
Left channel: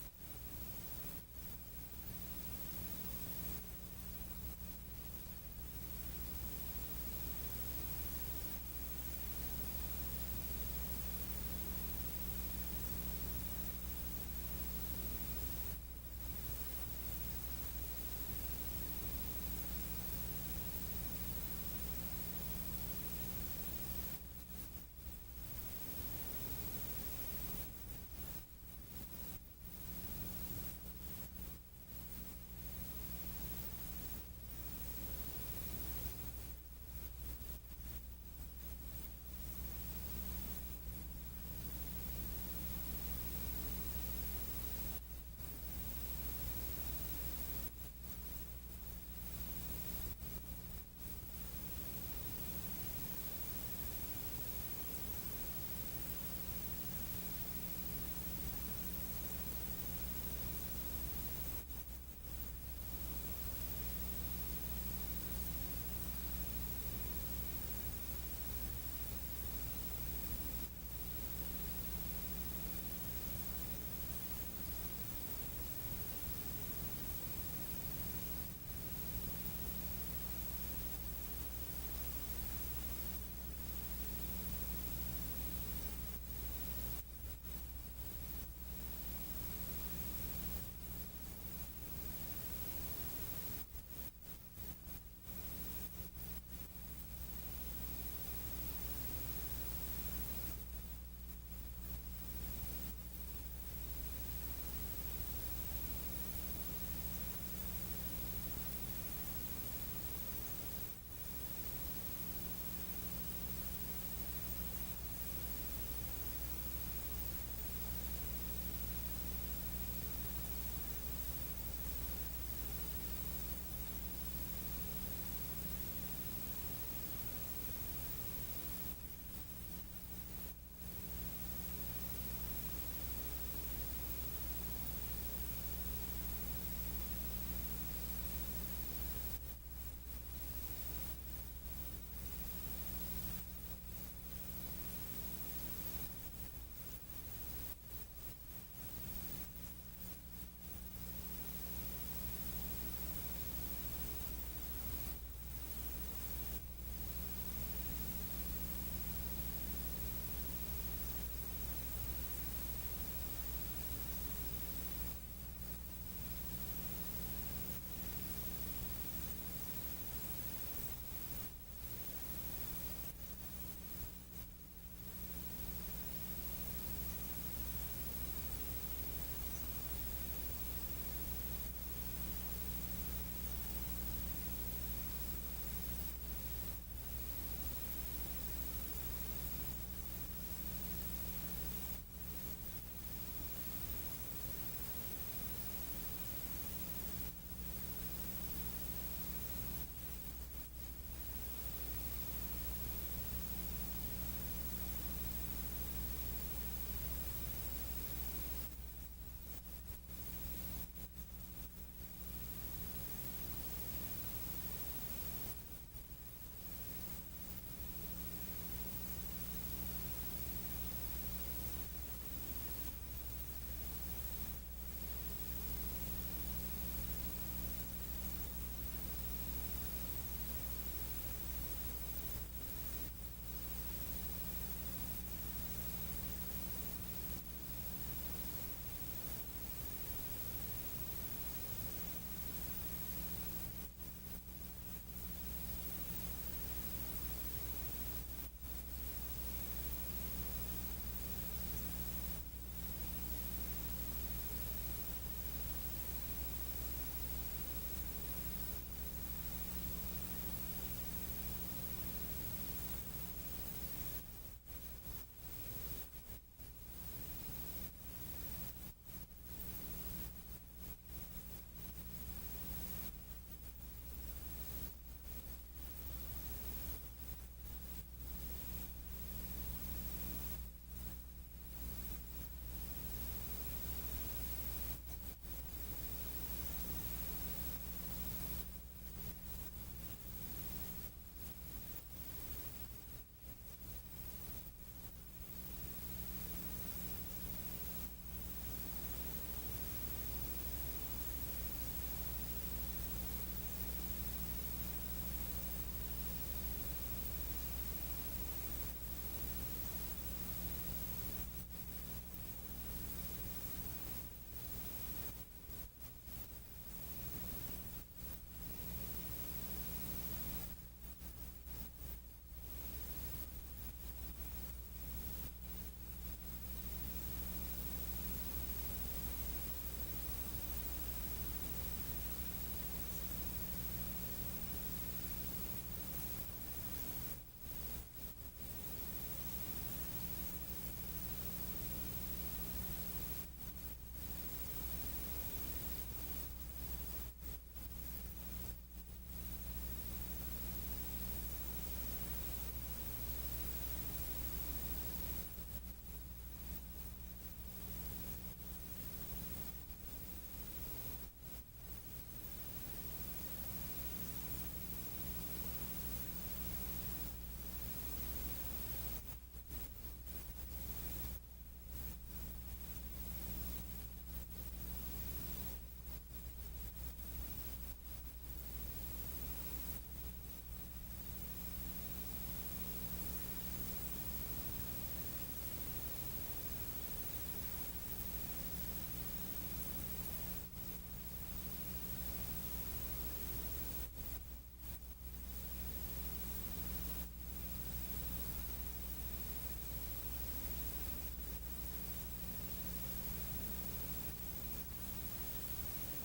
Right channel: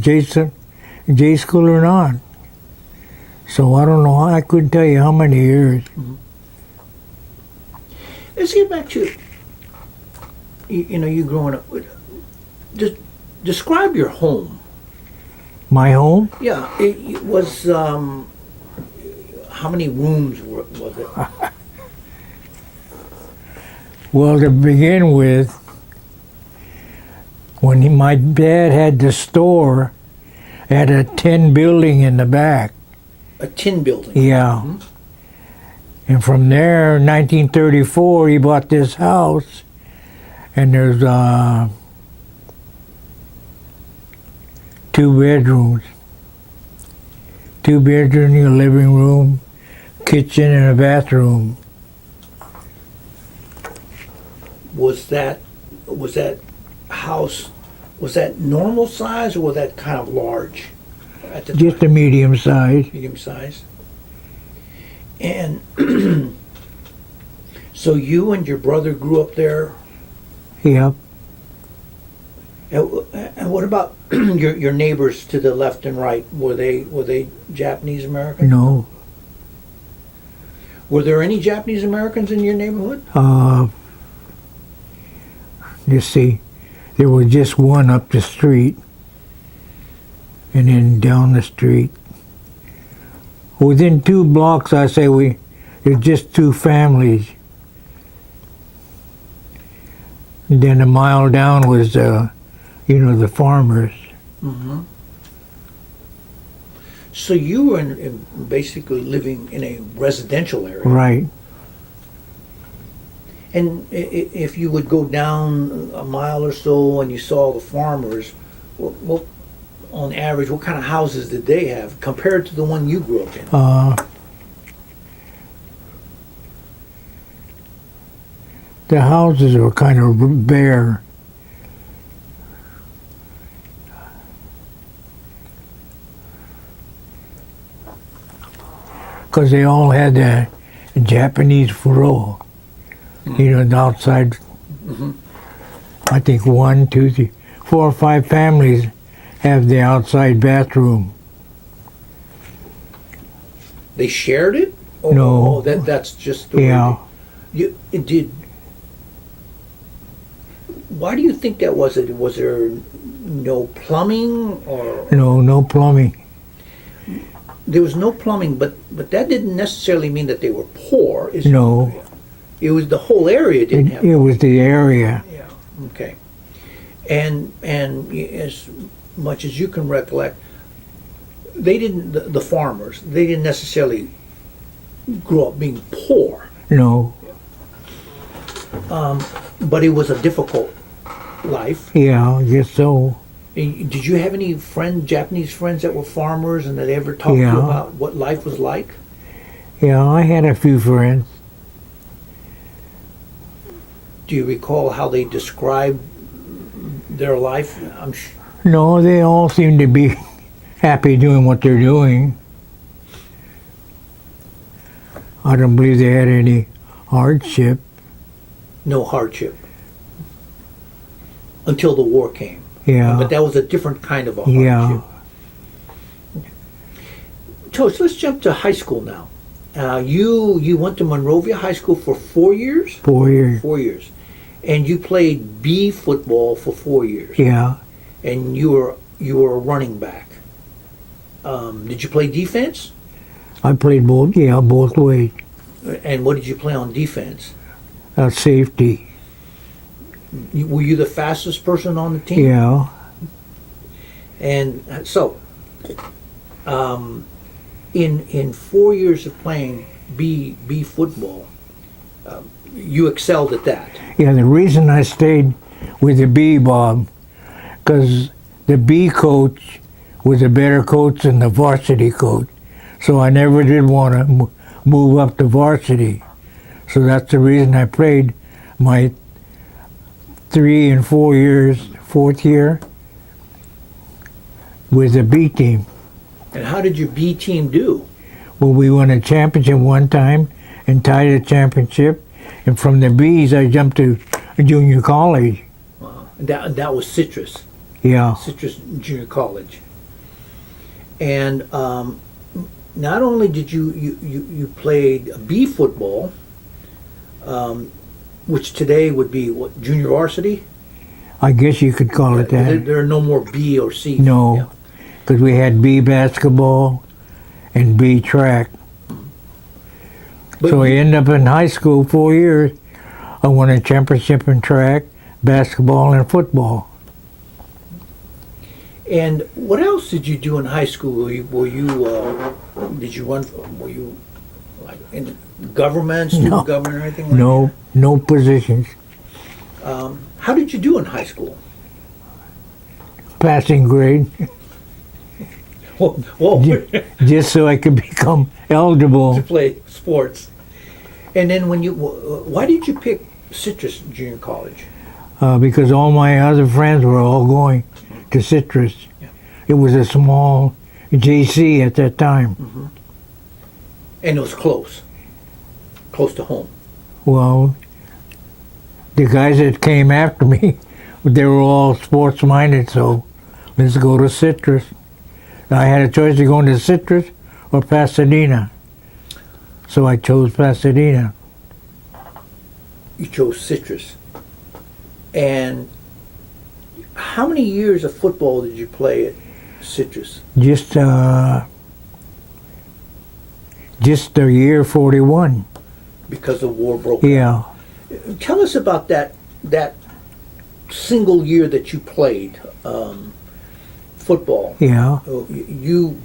J school or not. So I don't know. I couldn't tell you how many years. Let's get back to you growing up. Just describe your home. My home? Yeah, it was. How many rooms was it? Well, to begin with, when my dad had the store, it had a tin building in the back. A tin building. Yeah. Mhm. And from there, 1934, he bought this house, and there's 2 bedrooms. 2 bedrooms, a living room, kitchen, and a bathroom. Was that house? Was that normal size or was that kind of large at the Just a time? medium size. Medium size. And so you and your brother grew up there. Yep. And what about your neighbors to the left and right? Were they Japanese American? No. Were there any Japanese Americans in your neighborhood? Let's see. There was just one up the street, and then down the street. Within 2 blocks, I say there's just 2 families. And then a mile down was, the farmers. Mm-hmm. So you were basically living in a residential area. Right. And if you would go down a mile or so and you saw the farmers, what on average, what kind of houses did they have compared to the one you grew up in? The houses were kind of bare. Because they all had a Japanese furo. The outside. Mhm. I think 1, 2, 3, 4 or 5 families have the outside bathroom. They shared it? Oh, No. That's just the way Yeah. it did. Why do you think that was? Was there no plumbing or? No plumbing. There was no plumbing, but that didn't necessarily mean that they were poor. No. It was the whole area didn't have. It was the area. Yeah. Okay. And as much as you can recollect, they didn't. The farmers, they didn't necessarily grow up being poor, No. but it was a difficult life. Yeah, I guess so. Did you have any Japanese friends that were farmers, and that ever talked to you Yeah. about what life was like? Yeah, I had a few friends. Do you recall how they described their life? No, they all seem to be happy doing what they're doing. I don't believe they had any hardship. No hardship. Until the war came. Yeah. But that was a different kind of a Yeah. hardship. Tosh, let's jump to high school now. You went to Monrovia High School for 4 years? 4 years. 4 years. And you played B football for 4 years. Yeah. And you were a running back. Did you play defense? I played both ways. And what did you play on defense? Safety. Were you the fastest person on the team? Yeah. And so, in 4 years of playing B football, you excelled at that. Yeah, the reason I stayed with the B, Bob, because the B coach was a better coach than the varsity coach. So I never did want to move up to varsity. So that's the reason I played my 3 and 4 years, fourth year, with the B team. And how did your B team do? Well, we won a championship one time and tied a championship. And from the B's, I jumped to junior college. That was Citrus Yeah. Junior College. And not only did you played B football, which today would be what, junior varsity? I guess you could call it that. There are no more B or C. No, because we had B basketball and B track. But So I ended up in high school 4 years. I won a championship in track, basketball, and football. And what else did you do in high school? Did you run? Were you like in government, student No. government, or anything like No positions. that? How did you do in high school? Passing grade, Whoa, just so I could become eligible. to play sports. And then why did you pick Citrus Junior College? Because all my other friends were all going to Citrus. Yeah. It was a small JC at that time. And it was close to home. Well, the guys that came after me, they were all sports minded, so let's go to Citrus. I had a choice of going to Citrus or Pasadena. So I chose Pasadena. You chose Citrus. And how many years of football did you play at Citrus? Just the year 41. Because the war broke out. Yeah. Tell us about that single year that you played football. Yeah. You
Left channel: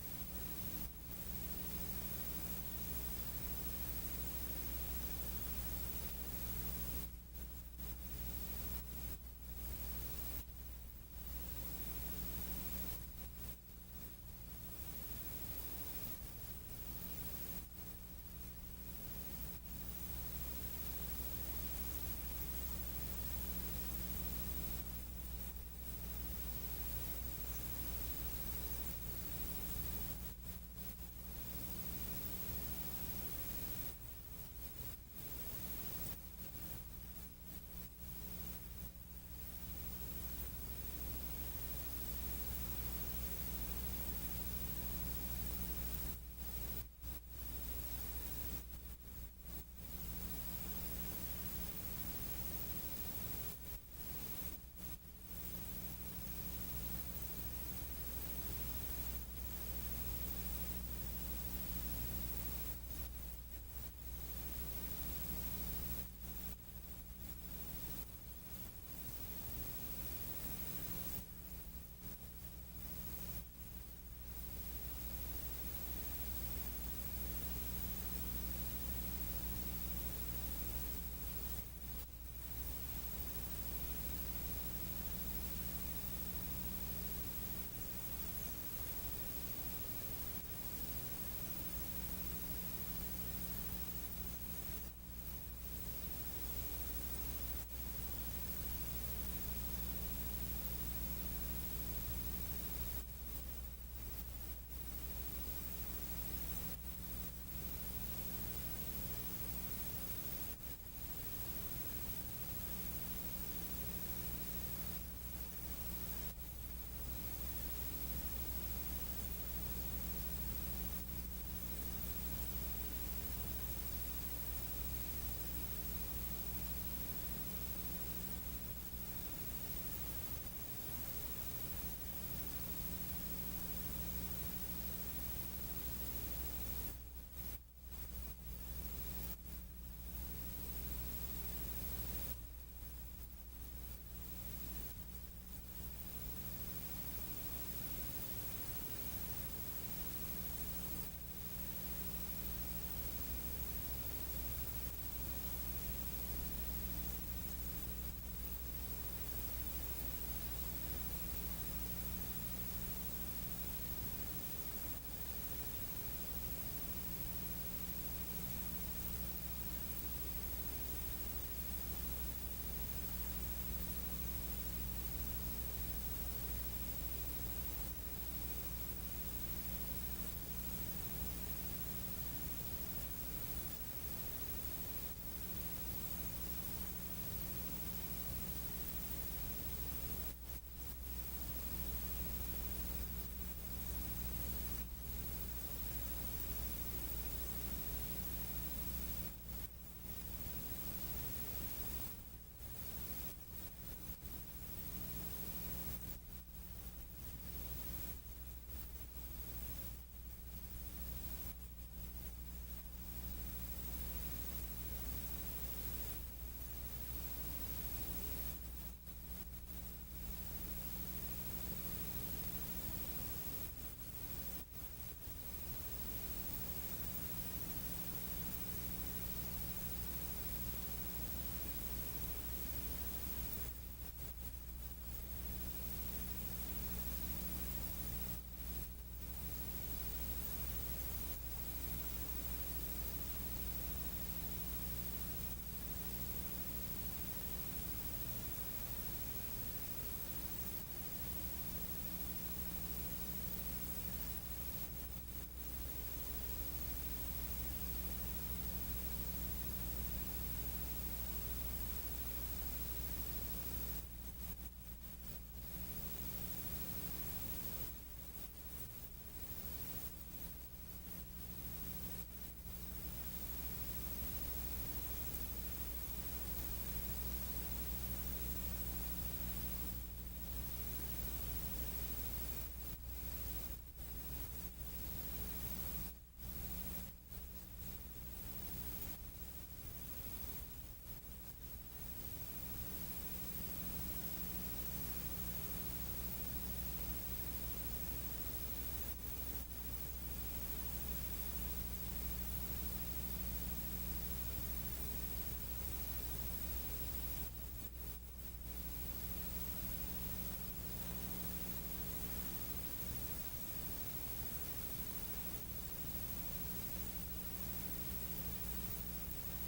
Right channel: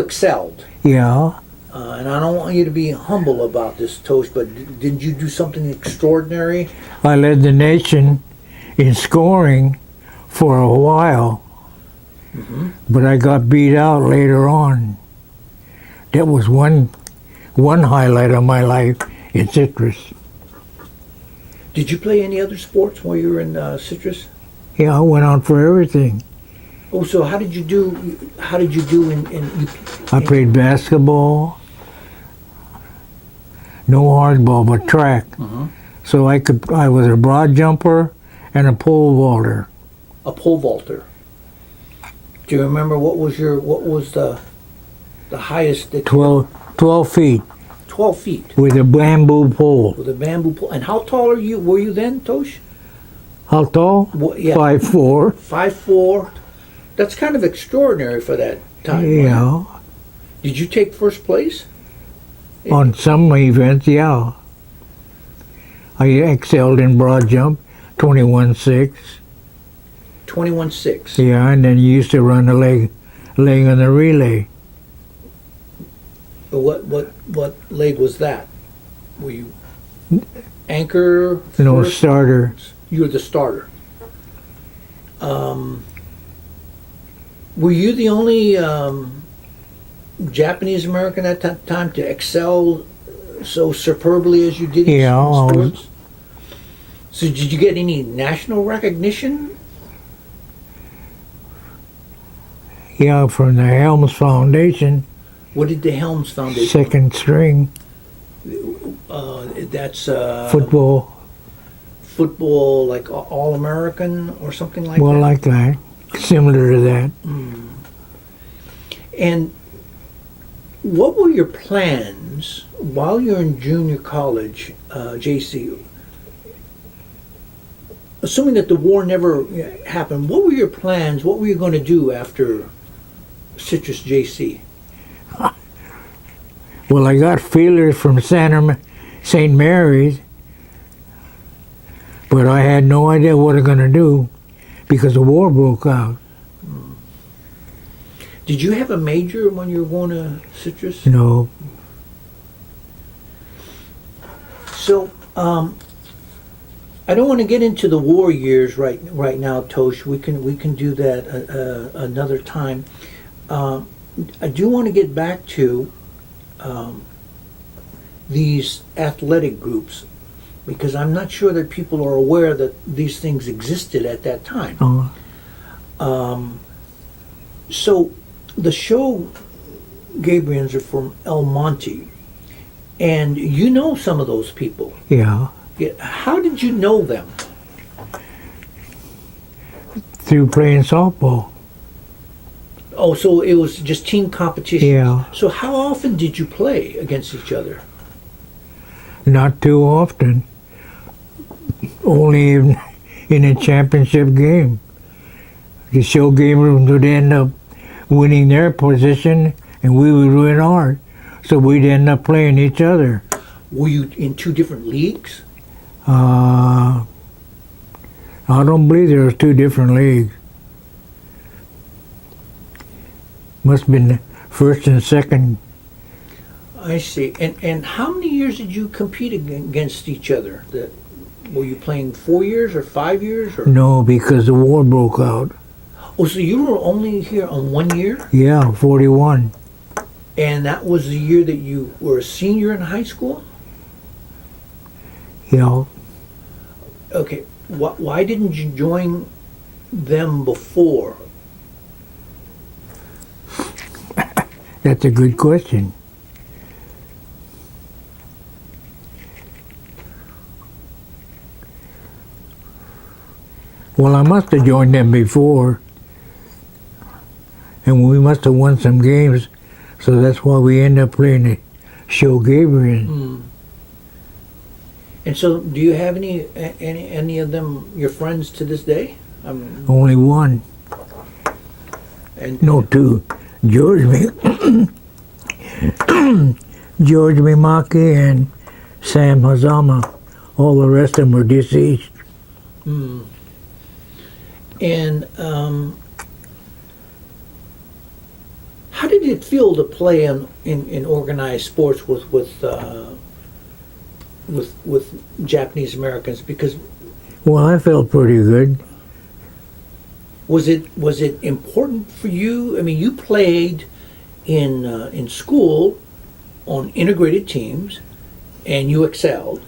excelled. Yeah. And I don't want you to be humble about this, Tosh, but didn't you do something extraordinary? I led the nation in scoring for a while, but I got beat out later on. That was one highlight of my life in Citrus. Did you play any other sports while you were in Citrus? Yeah, I went on for everything. Oh, so how did you do? How did you do in I played basketball, no hardball, but track. So I was a broad jumper and a pole vaulter. a pole vaulter? Do you remember what was the highest? That 12 feet 12 feet with a bamboo pole. with a bamboo pole. And how tall were you then, Tosh? How tall? Yeah. 5'4". 5'4". That's kind of extraordinary for that time. wasn't it? Yeah. Did you take first place? On some events, yeah. I excelled in broad jump, 21.6. 21.6. Yeah, and then you used to run the leg on the relay. What leg was that? Were you anchor? No, first? starter. You were the starter. Were you the only Japanese American at that time to excel so superbly as you did in Yeah, I was- sports? So did you get any national recognition? Yeah, from the Helms Foundation, What did the Helms Foundation? second string. That's football. football, like All-American or something like Well, that. like that, similar to that. And what were your plans while you're in junior college, JC? Assuming that the war never happened, what were your plans? What were you going to do after Citrus JC? Well, I got feelers from St. Mary's, but I had no idea what I'm going to do because the war broke out. Did you have a major when you were going to Citrus? No, So, I don't want to get into the war years right now, Tosh. We can do that another time. I do want to get back to these athletic groups because I'm not sure that people are aware that these things existed at that time. oh, So, the show Gabriels are from El Monte, and you know some of those people. yeah, How did you know them? through playing softball. Oh, so it was just team competition. Yeah, So how often did you play against each other? not too often. Only in a championship game. The show gamers would end up winning their position, and we would win ours. So we'd end up playing each other. Were you in two different leagues? I don't believe there was two different leagues. Must have been first and second. I see. And how many years did you compete against each other? Were you playing 4 years or 5 years? Or? No, because the war broke out. Oh, so you were only here on 1 year? Yeah, 41. And that was the year that you were a senior in high school? Yeah. Okay. Why didn't you join them before? That's a good question. Well, I must have joined them before, and we must have won some games, so that's why we end up playing the show Gabriel. And so, do you have any of them your friends to this day? Only one. And No, two. George Mimaki and Sam Hazama. All the rest of them were deceased. And how did it feel to play in organized sports with Japanese Americans? Because Well, I felt pretty good. was it important for you? I mean, you played in school on integrated teams, and you excelled,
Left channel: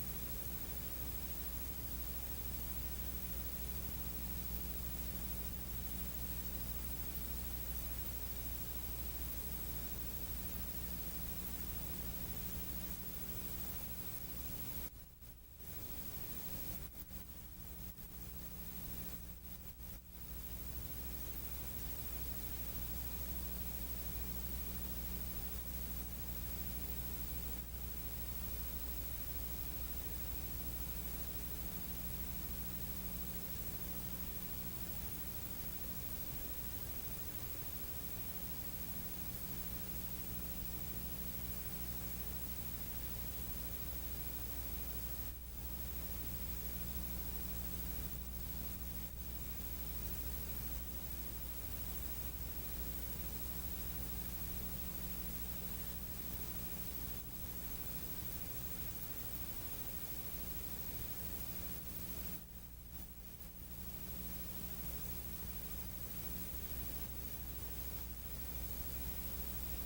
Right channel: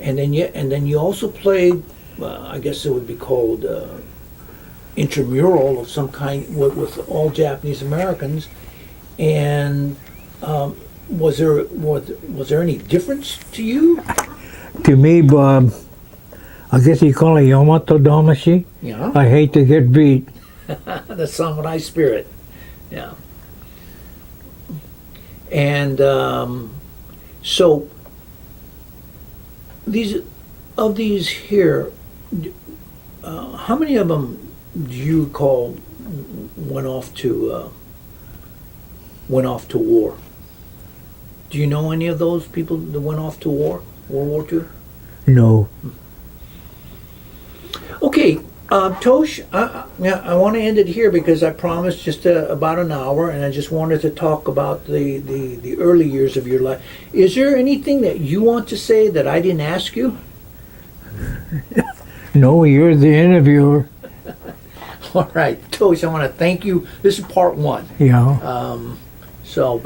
and then you also played. I guess it would be called intramural of some kind with all Japanese Americans. And was there any difference to you? To me, Bob, I guess you call it Yamato Damashi. Yeah, I hate to get beat. the samurai spirit. Yeah. And so these here, how many of them do you recall went off to war? Do you know any of those people that went off to war, World War II? No. Okay, Tosh, I want to end it here because I promised just about an hour, and I just wanted to talk about the early years of your life. Is there anything that you want to say that I didn't ask you? No, you're the interviewer. All right, Tosh, I want to thank you. This is part one. Yeah. So